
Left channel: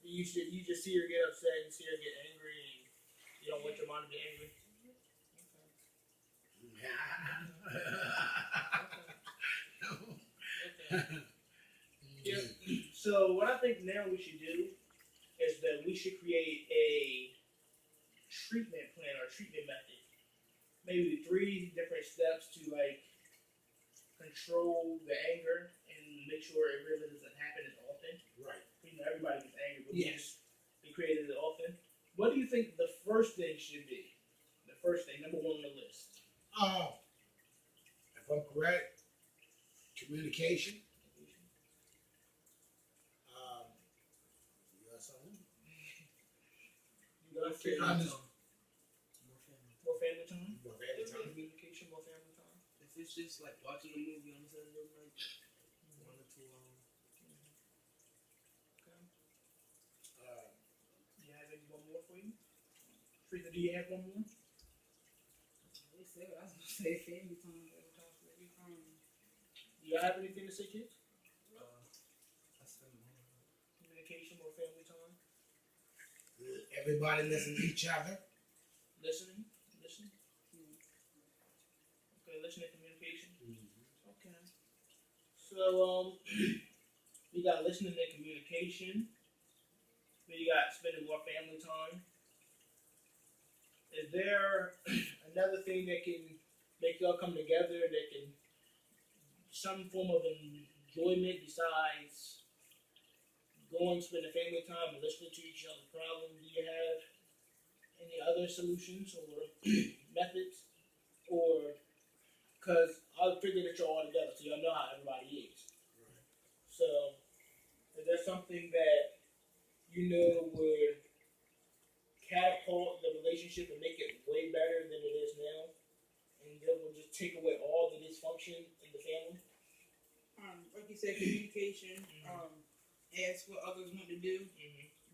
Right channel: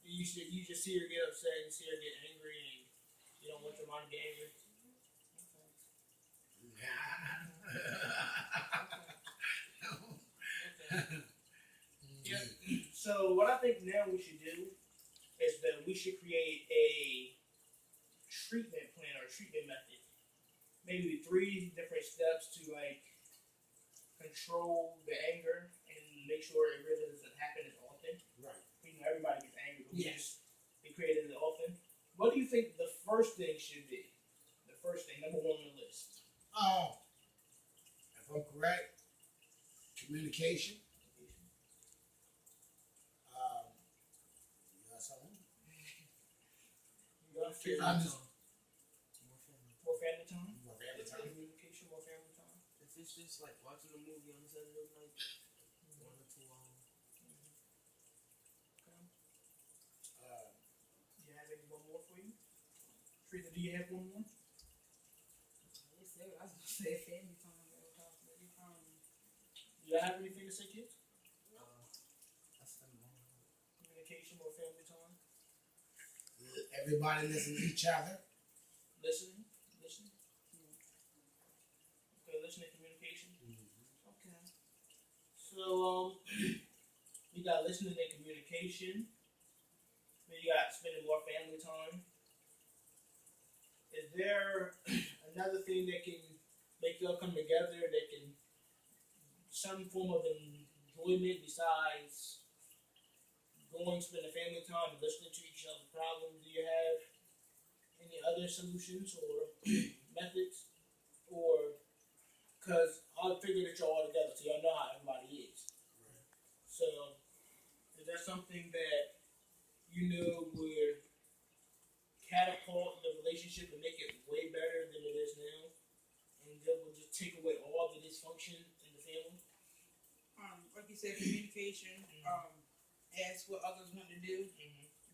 You just see her get upset and see her get angry, and you don't want your mom to get angry. Okay. Yeah. So what I think now we should do is that we should create a treatment plan or treatment method. Maybe 3 different steps to like control the anger and make sure it really doesn't happen as often. Right. You know, everybody gets angry, but Yes. we create it as often. What do you think the first thing should be? The first thing, number 1 on the list. If I'm correct, communication. You got something? You got to I'm just- more family time. More family time. Communication, more family time. If it's just like watching a movie on Saturday night, 1 or 2 hours. Okay. Uh, Do you have any one more for you? Teresa, do you have one more? They said I was gonna say family time. Do y'all have anything to say, kids? I spend more. Communication, more family time. everybody listen to each other. Listening. Okay, listening, communication. Okay. So we got listening and communication. Then you got spending more family time. Is there another thing that can make y'all come together that can some form of enjoyment besides going spending family time and listening to each other's problems? Do you have any other solutions or methods? Or because I'll figure that y'all all together so y'all know how everybody is. Right. So is there something that you know would catapult the relationship and make it way better than it is now? And that will just take away all the dysfunction in the family? Like you said, communication. Ask what others want to do.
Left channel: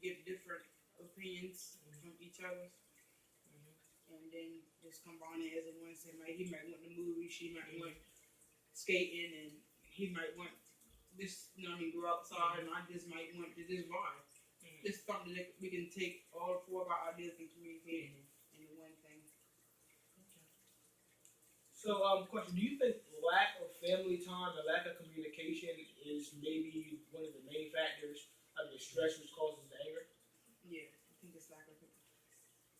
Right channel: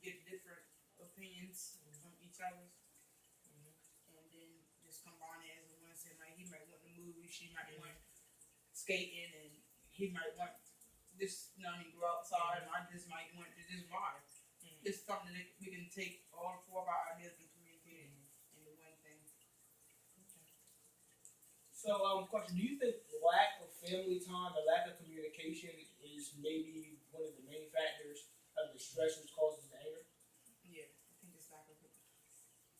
Get different opinions from each other, and then just combine it as a one. Say, like he might want the movie, she might want skating, and he might want this. You know, he go outside, and I just might want to just vibe. Just something that we can take all 4 of our ideas and communicate into one thing. So, question: do you think lack of family time or lack of communication is maybe one of the main factors of the stress which causes the anger? Yeah, I think it's lack of.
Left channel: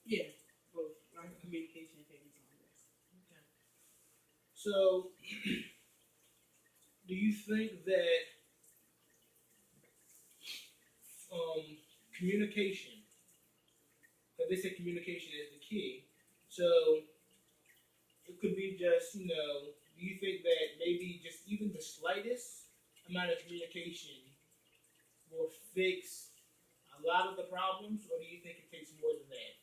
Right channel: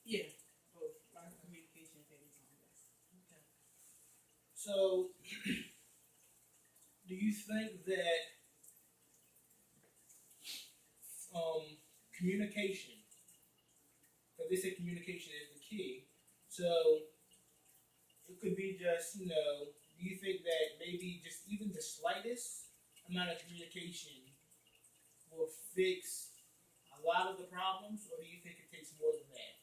Yeah, both lack of communication and family time. Yes. Okay. So, do you think that communication, because they say communication is the key, so it could be just, do you think that maybe just even the slightest amount of communication will fix a lot of the problems, or do you think it takes more than that?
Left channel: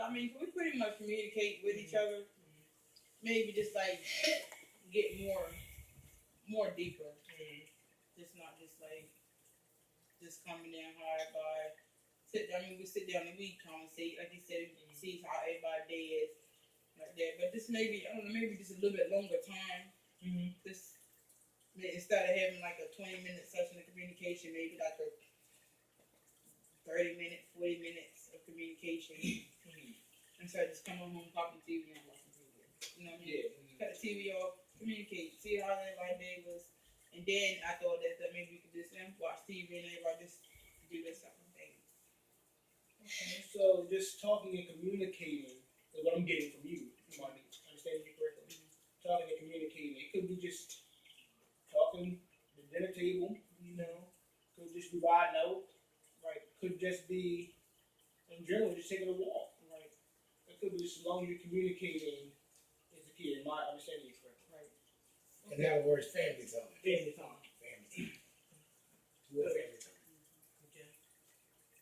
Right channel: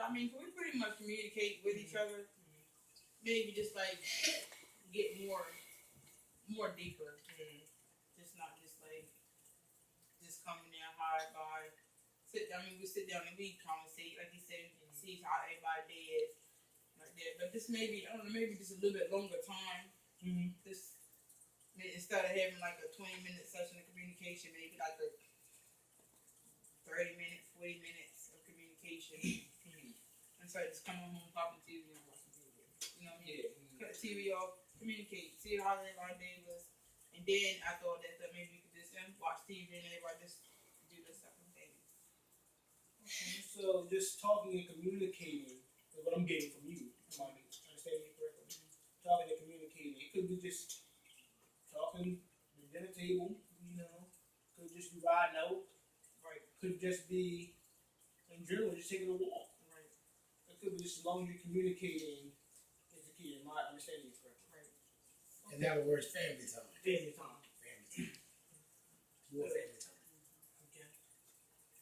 I mean, we pretty much communicate with each other. Maybe just like get more deeper. Just not just like just coming in hard by. We sit down and we conversate, like you said, see how everybody's day is, like that. But this maybe, I don't know, maybe just a little bit longer time. This instead of having like a 20-minute session of communication, maybe like a 30 minutes, 40 minutes of communication. And so I just come home, pop the TV, and watch the TV. You know what I mean? Yeah. Cut the TV off, communicate, see how everybody's day was, and then after all that stuff, maybe we could just watch TV and everybody just do their separate things. So just talking and communicating is what I'm getting from you. Am I understanding you correctly? Talking and communicating. It could be just talking at the dinner table, Could just be riding out. Right. Could just be in general just taking a walk. Right. It could be just as long as you're communicating is the key. Am I understanding you correctly? Right. In other words, family time. Family time. Family time. More family time. Okay.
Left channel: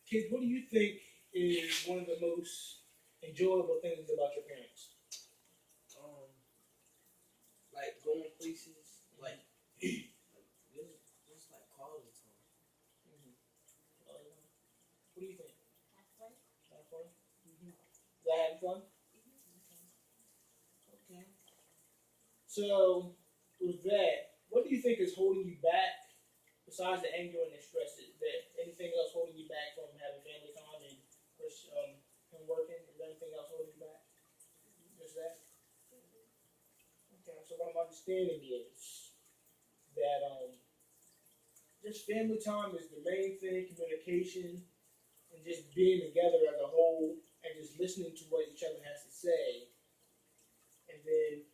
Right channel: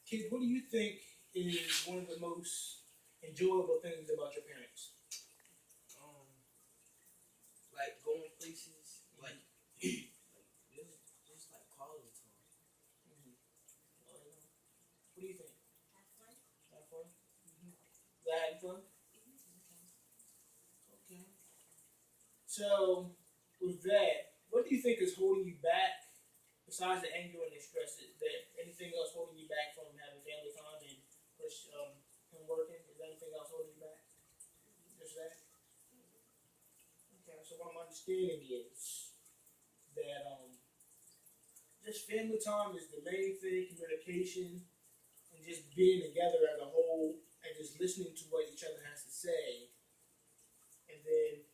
Kids, what do you think is one of the most enjoyable things about your parents? Like going places, like just like quality time. What do you think? Have fun. Have fun? Is that having fun? Okay. So, with that, what do you think is holding you back, besides the anger and the stress? Is there anything else holding you back from having family time and him working? Is there anything else holding you back? Just that? Okay, so what I'm understanding is that just family time is the main thing, communication, and just being together as a whole, and just listening to what each other has to say, and then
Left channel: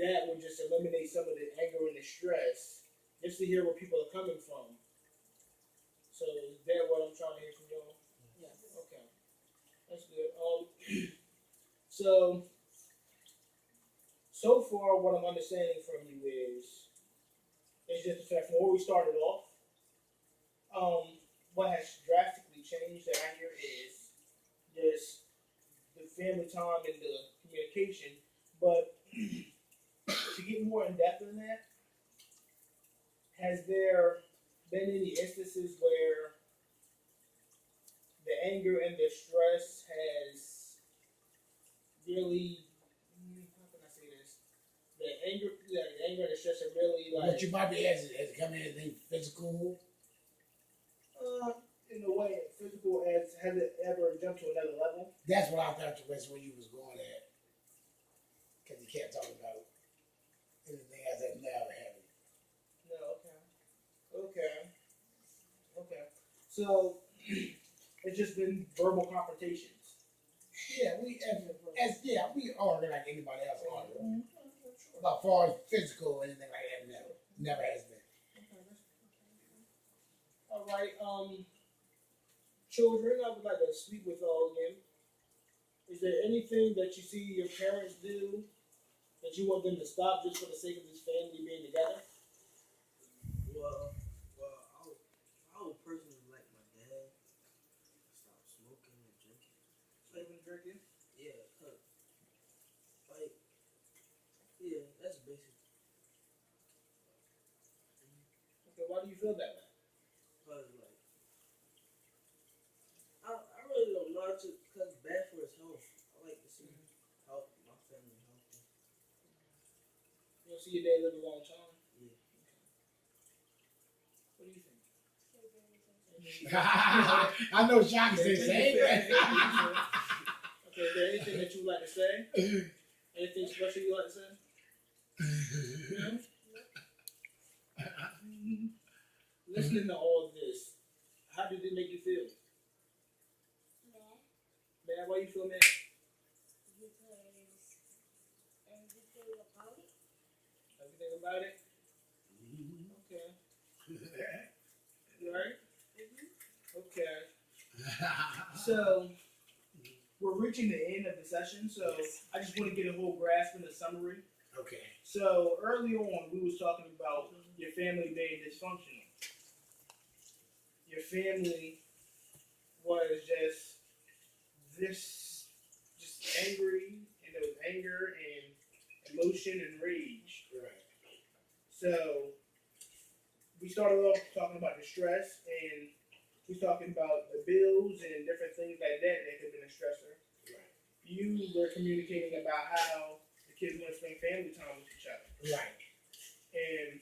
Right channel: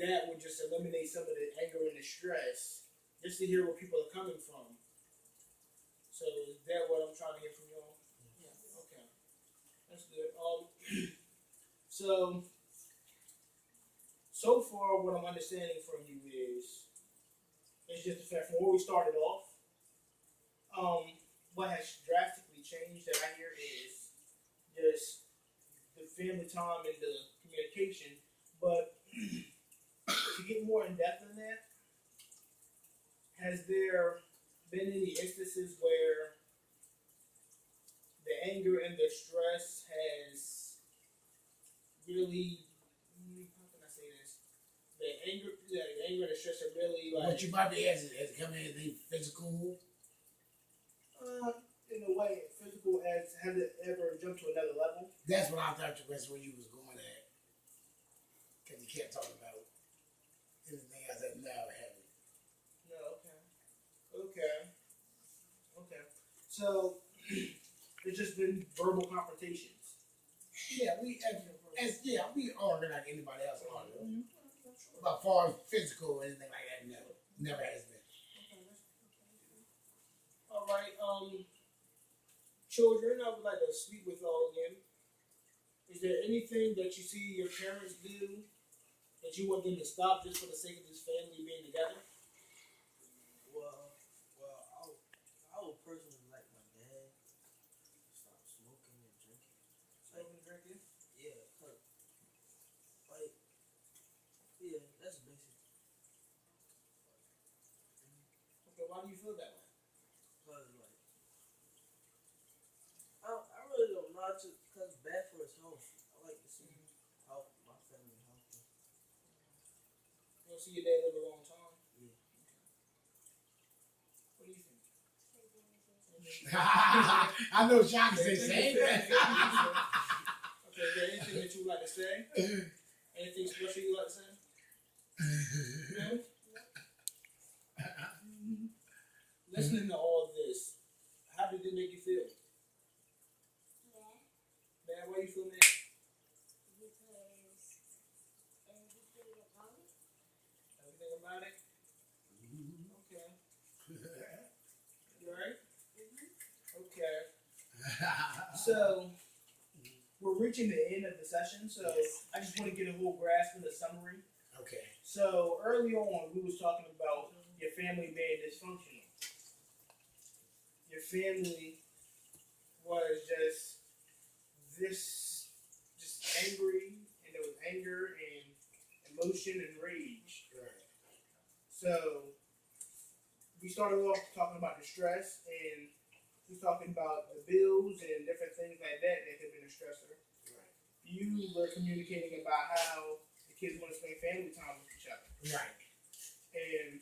that would just eliminate some of the anger and the stress, just to hear where people are coming from. So is that what I'm trying to hear from y'all? Yes. Okay, that's good. So far, what I'm understanding from you is, it's just the fact from where we started off. What has drastically changed that I hear is just the family time and the communication. But to get more in depth in that, has there been any instances where the anger and the stress has really, how can I say this? The anger and the stress are really like. What you might be asking has it come in anything physical? In a way, physical has it ever jumped to another level? That's what I thought that's where you was going at. Because you can't talk about anything else that never happened. No, okay. So it's just been verbal confrontations. Yeah, we argue like anybody else argue. But as far as physical or anything like that, never has been. All right. Children, I would like to speak with all again. Is there anything that you see your parents do that you want them to stop just for the sake of this family being together? Well, I would personally like my dad to stop smoking and drinking. Smoking and drinking? Yeah, yeah, that's basic. Okay, why do you feel that way? Cause I really don't know. Cause it's bad for his health. I like to see my family healthy. You want to see your dad live a long time? Yeah. What do you think? I know Sean can say the same thing. Okay, is there anything that you would like to say? Anything special you like to say? No? Listening to all this, how did it make you feel? Mad. Mad? Why you feel mad? Because Anything about it? Okay. You alright? Okay. So we're reaching the end of the session, so I just want to get a whole grasp of the summary. Okay. So early on, we was talking about your family being dysfunctional. Your family was just angry, and there was anger and emotion and rage. Right. So we started off talking about the stress, and we was talking about the bills and different things like that could have been a stressor. Right. You were communicating about how the kids want to spend family time with each other. Right. And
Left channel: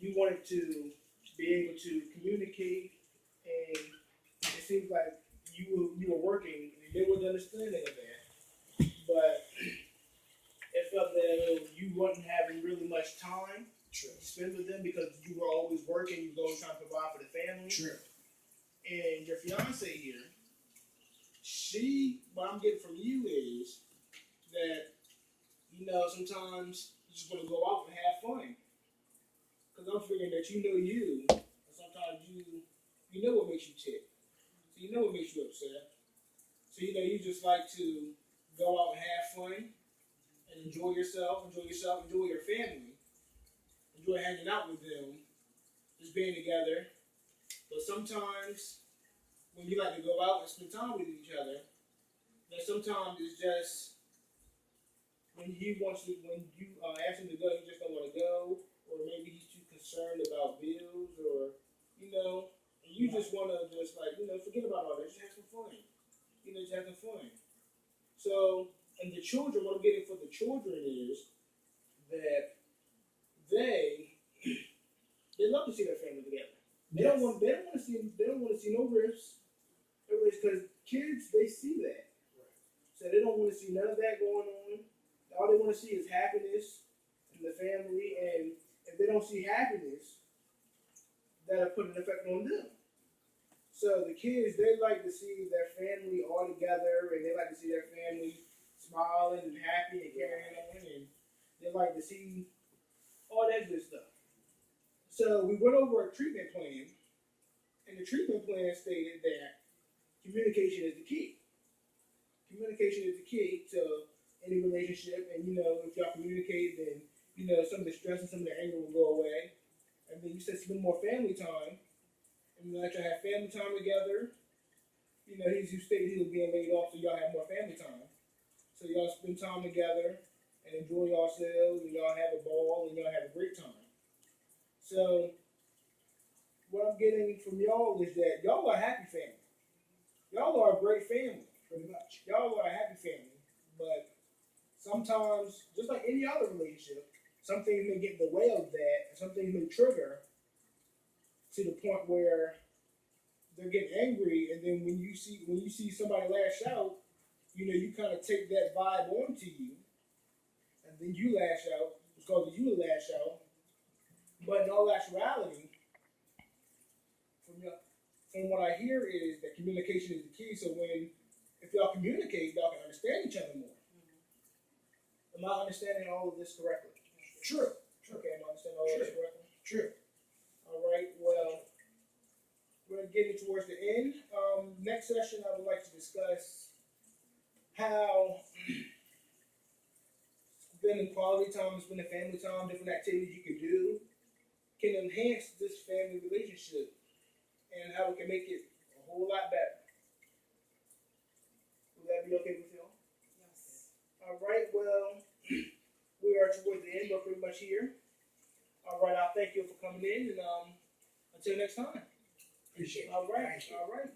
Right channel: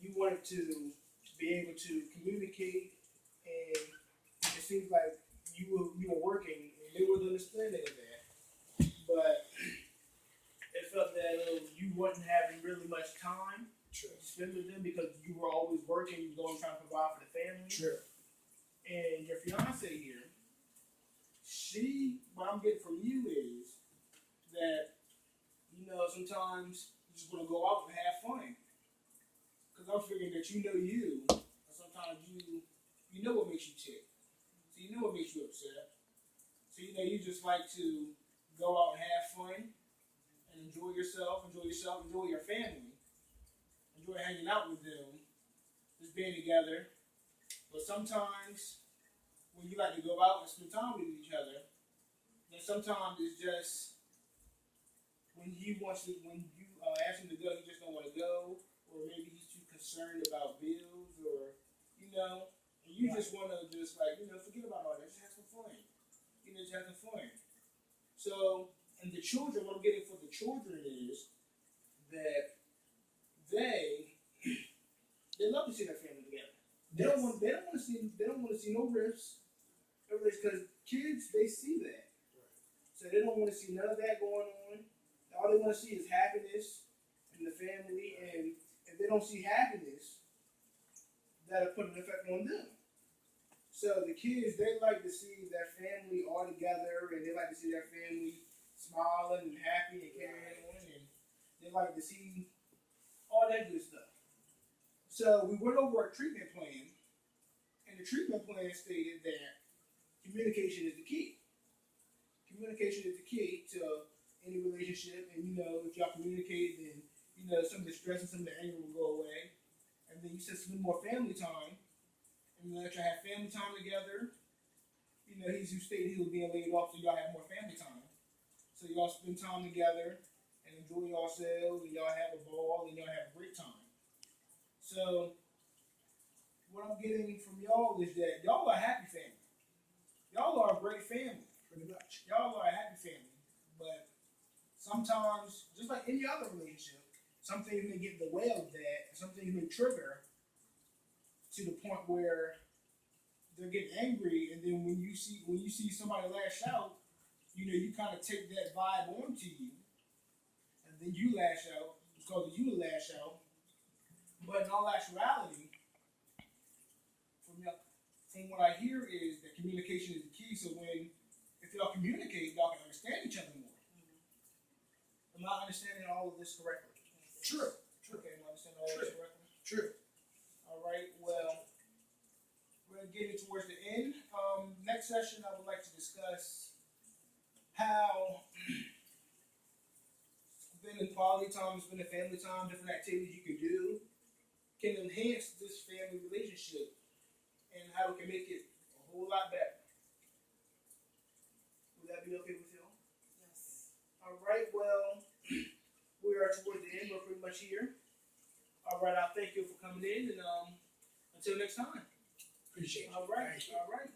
you wanted to be able to communicate, and it seems like you were working, and they were the understanding of that. But it felt that you wasn't having really much time True. to spend with them because you were always working, you were always trying to provide for the family. True. And your fiance here, what I'm getting from you is that, sometimes you just want to go out and have fun. Because I'm figuring that you know you, and sometimes you know what makes you tick. So you know what makes you upset. So you just like to go out and have fun and enjoy yourself, enjoy your family, enjoy hanging out with them, just being together. But sometimes when you like to go out and spend time with each other, then sometimes it's just when you ask him to go, you just don't want to go, or maybe he's too concerned about bills, or and you just want to forget about all that, just have some fun. Just have some fun. So, and the children, what I'm getting for the children is that they love to see their family together. They don't want to see no rifts. Because kids, they see that. Right. So they don't want to see none of that going on. All they want to see is happiness in the family, and if they don't see happiness, that'll put an effect on them. So the kids, they like to see their family all together, and they like to see their family smiling and happy and carrying on, and they like to see all that good stuff. So we went over a treatment plan, and the treatment plan stated that communication is the key. Communication is the key to any relationship, and if y'all communicate, then some of the stress and some of the anger will go away. And then you said spend more family time, and let y'all have family time together. He stated he was being laid off, so y'all have more family time. So y'all spend time together and enjoy yourselves, and y'all have a ball, and y'all have a great time. So what I'm getting from y'all is that y'all are a happy family. Y'all are a great family, pretty much. Y'all are a happy family, but sometimes, just like any other relationship, some things may get in the way of that, and some things may trigger to the point where they're getting angry, and then when you see somebody lash out, you kind of take that vibe onto you, and then you lash out because you lash out. But in all actuality, from what I hear is that communication is the key. So if y'all communicate, y'all can understand each other more. Am I understanding all of this correctly? True. Okay, am I understanding all of this correctly? True. All right, well, we're getting towards the end. Next session, I would like to discuss how spending quality time, spending family time, different activities you can do can enhance this family relationship and how we can make it a whole lot better. Would that be okay with y'all? Yes. All right, well, we are towards the end. We're pretty much here. All right, I'll thank you for coming in, and until next time. Appreciate it. All right, Thank you. all right.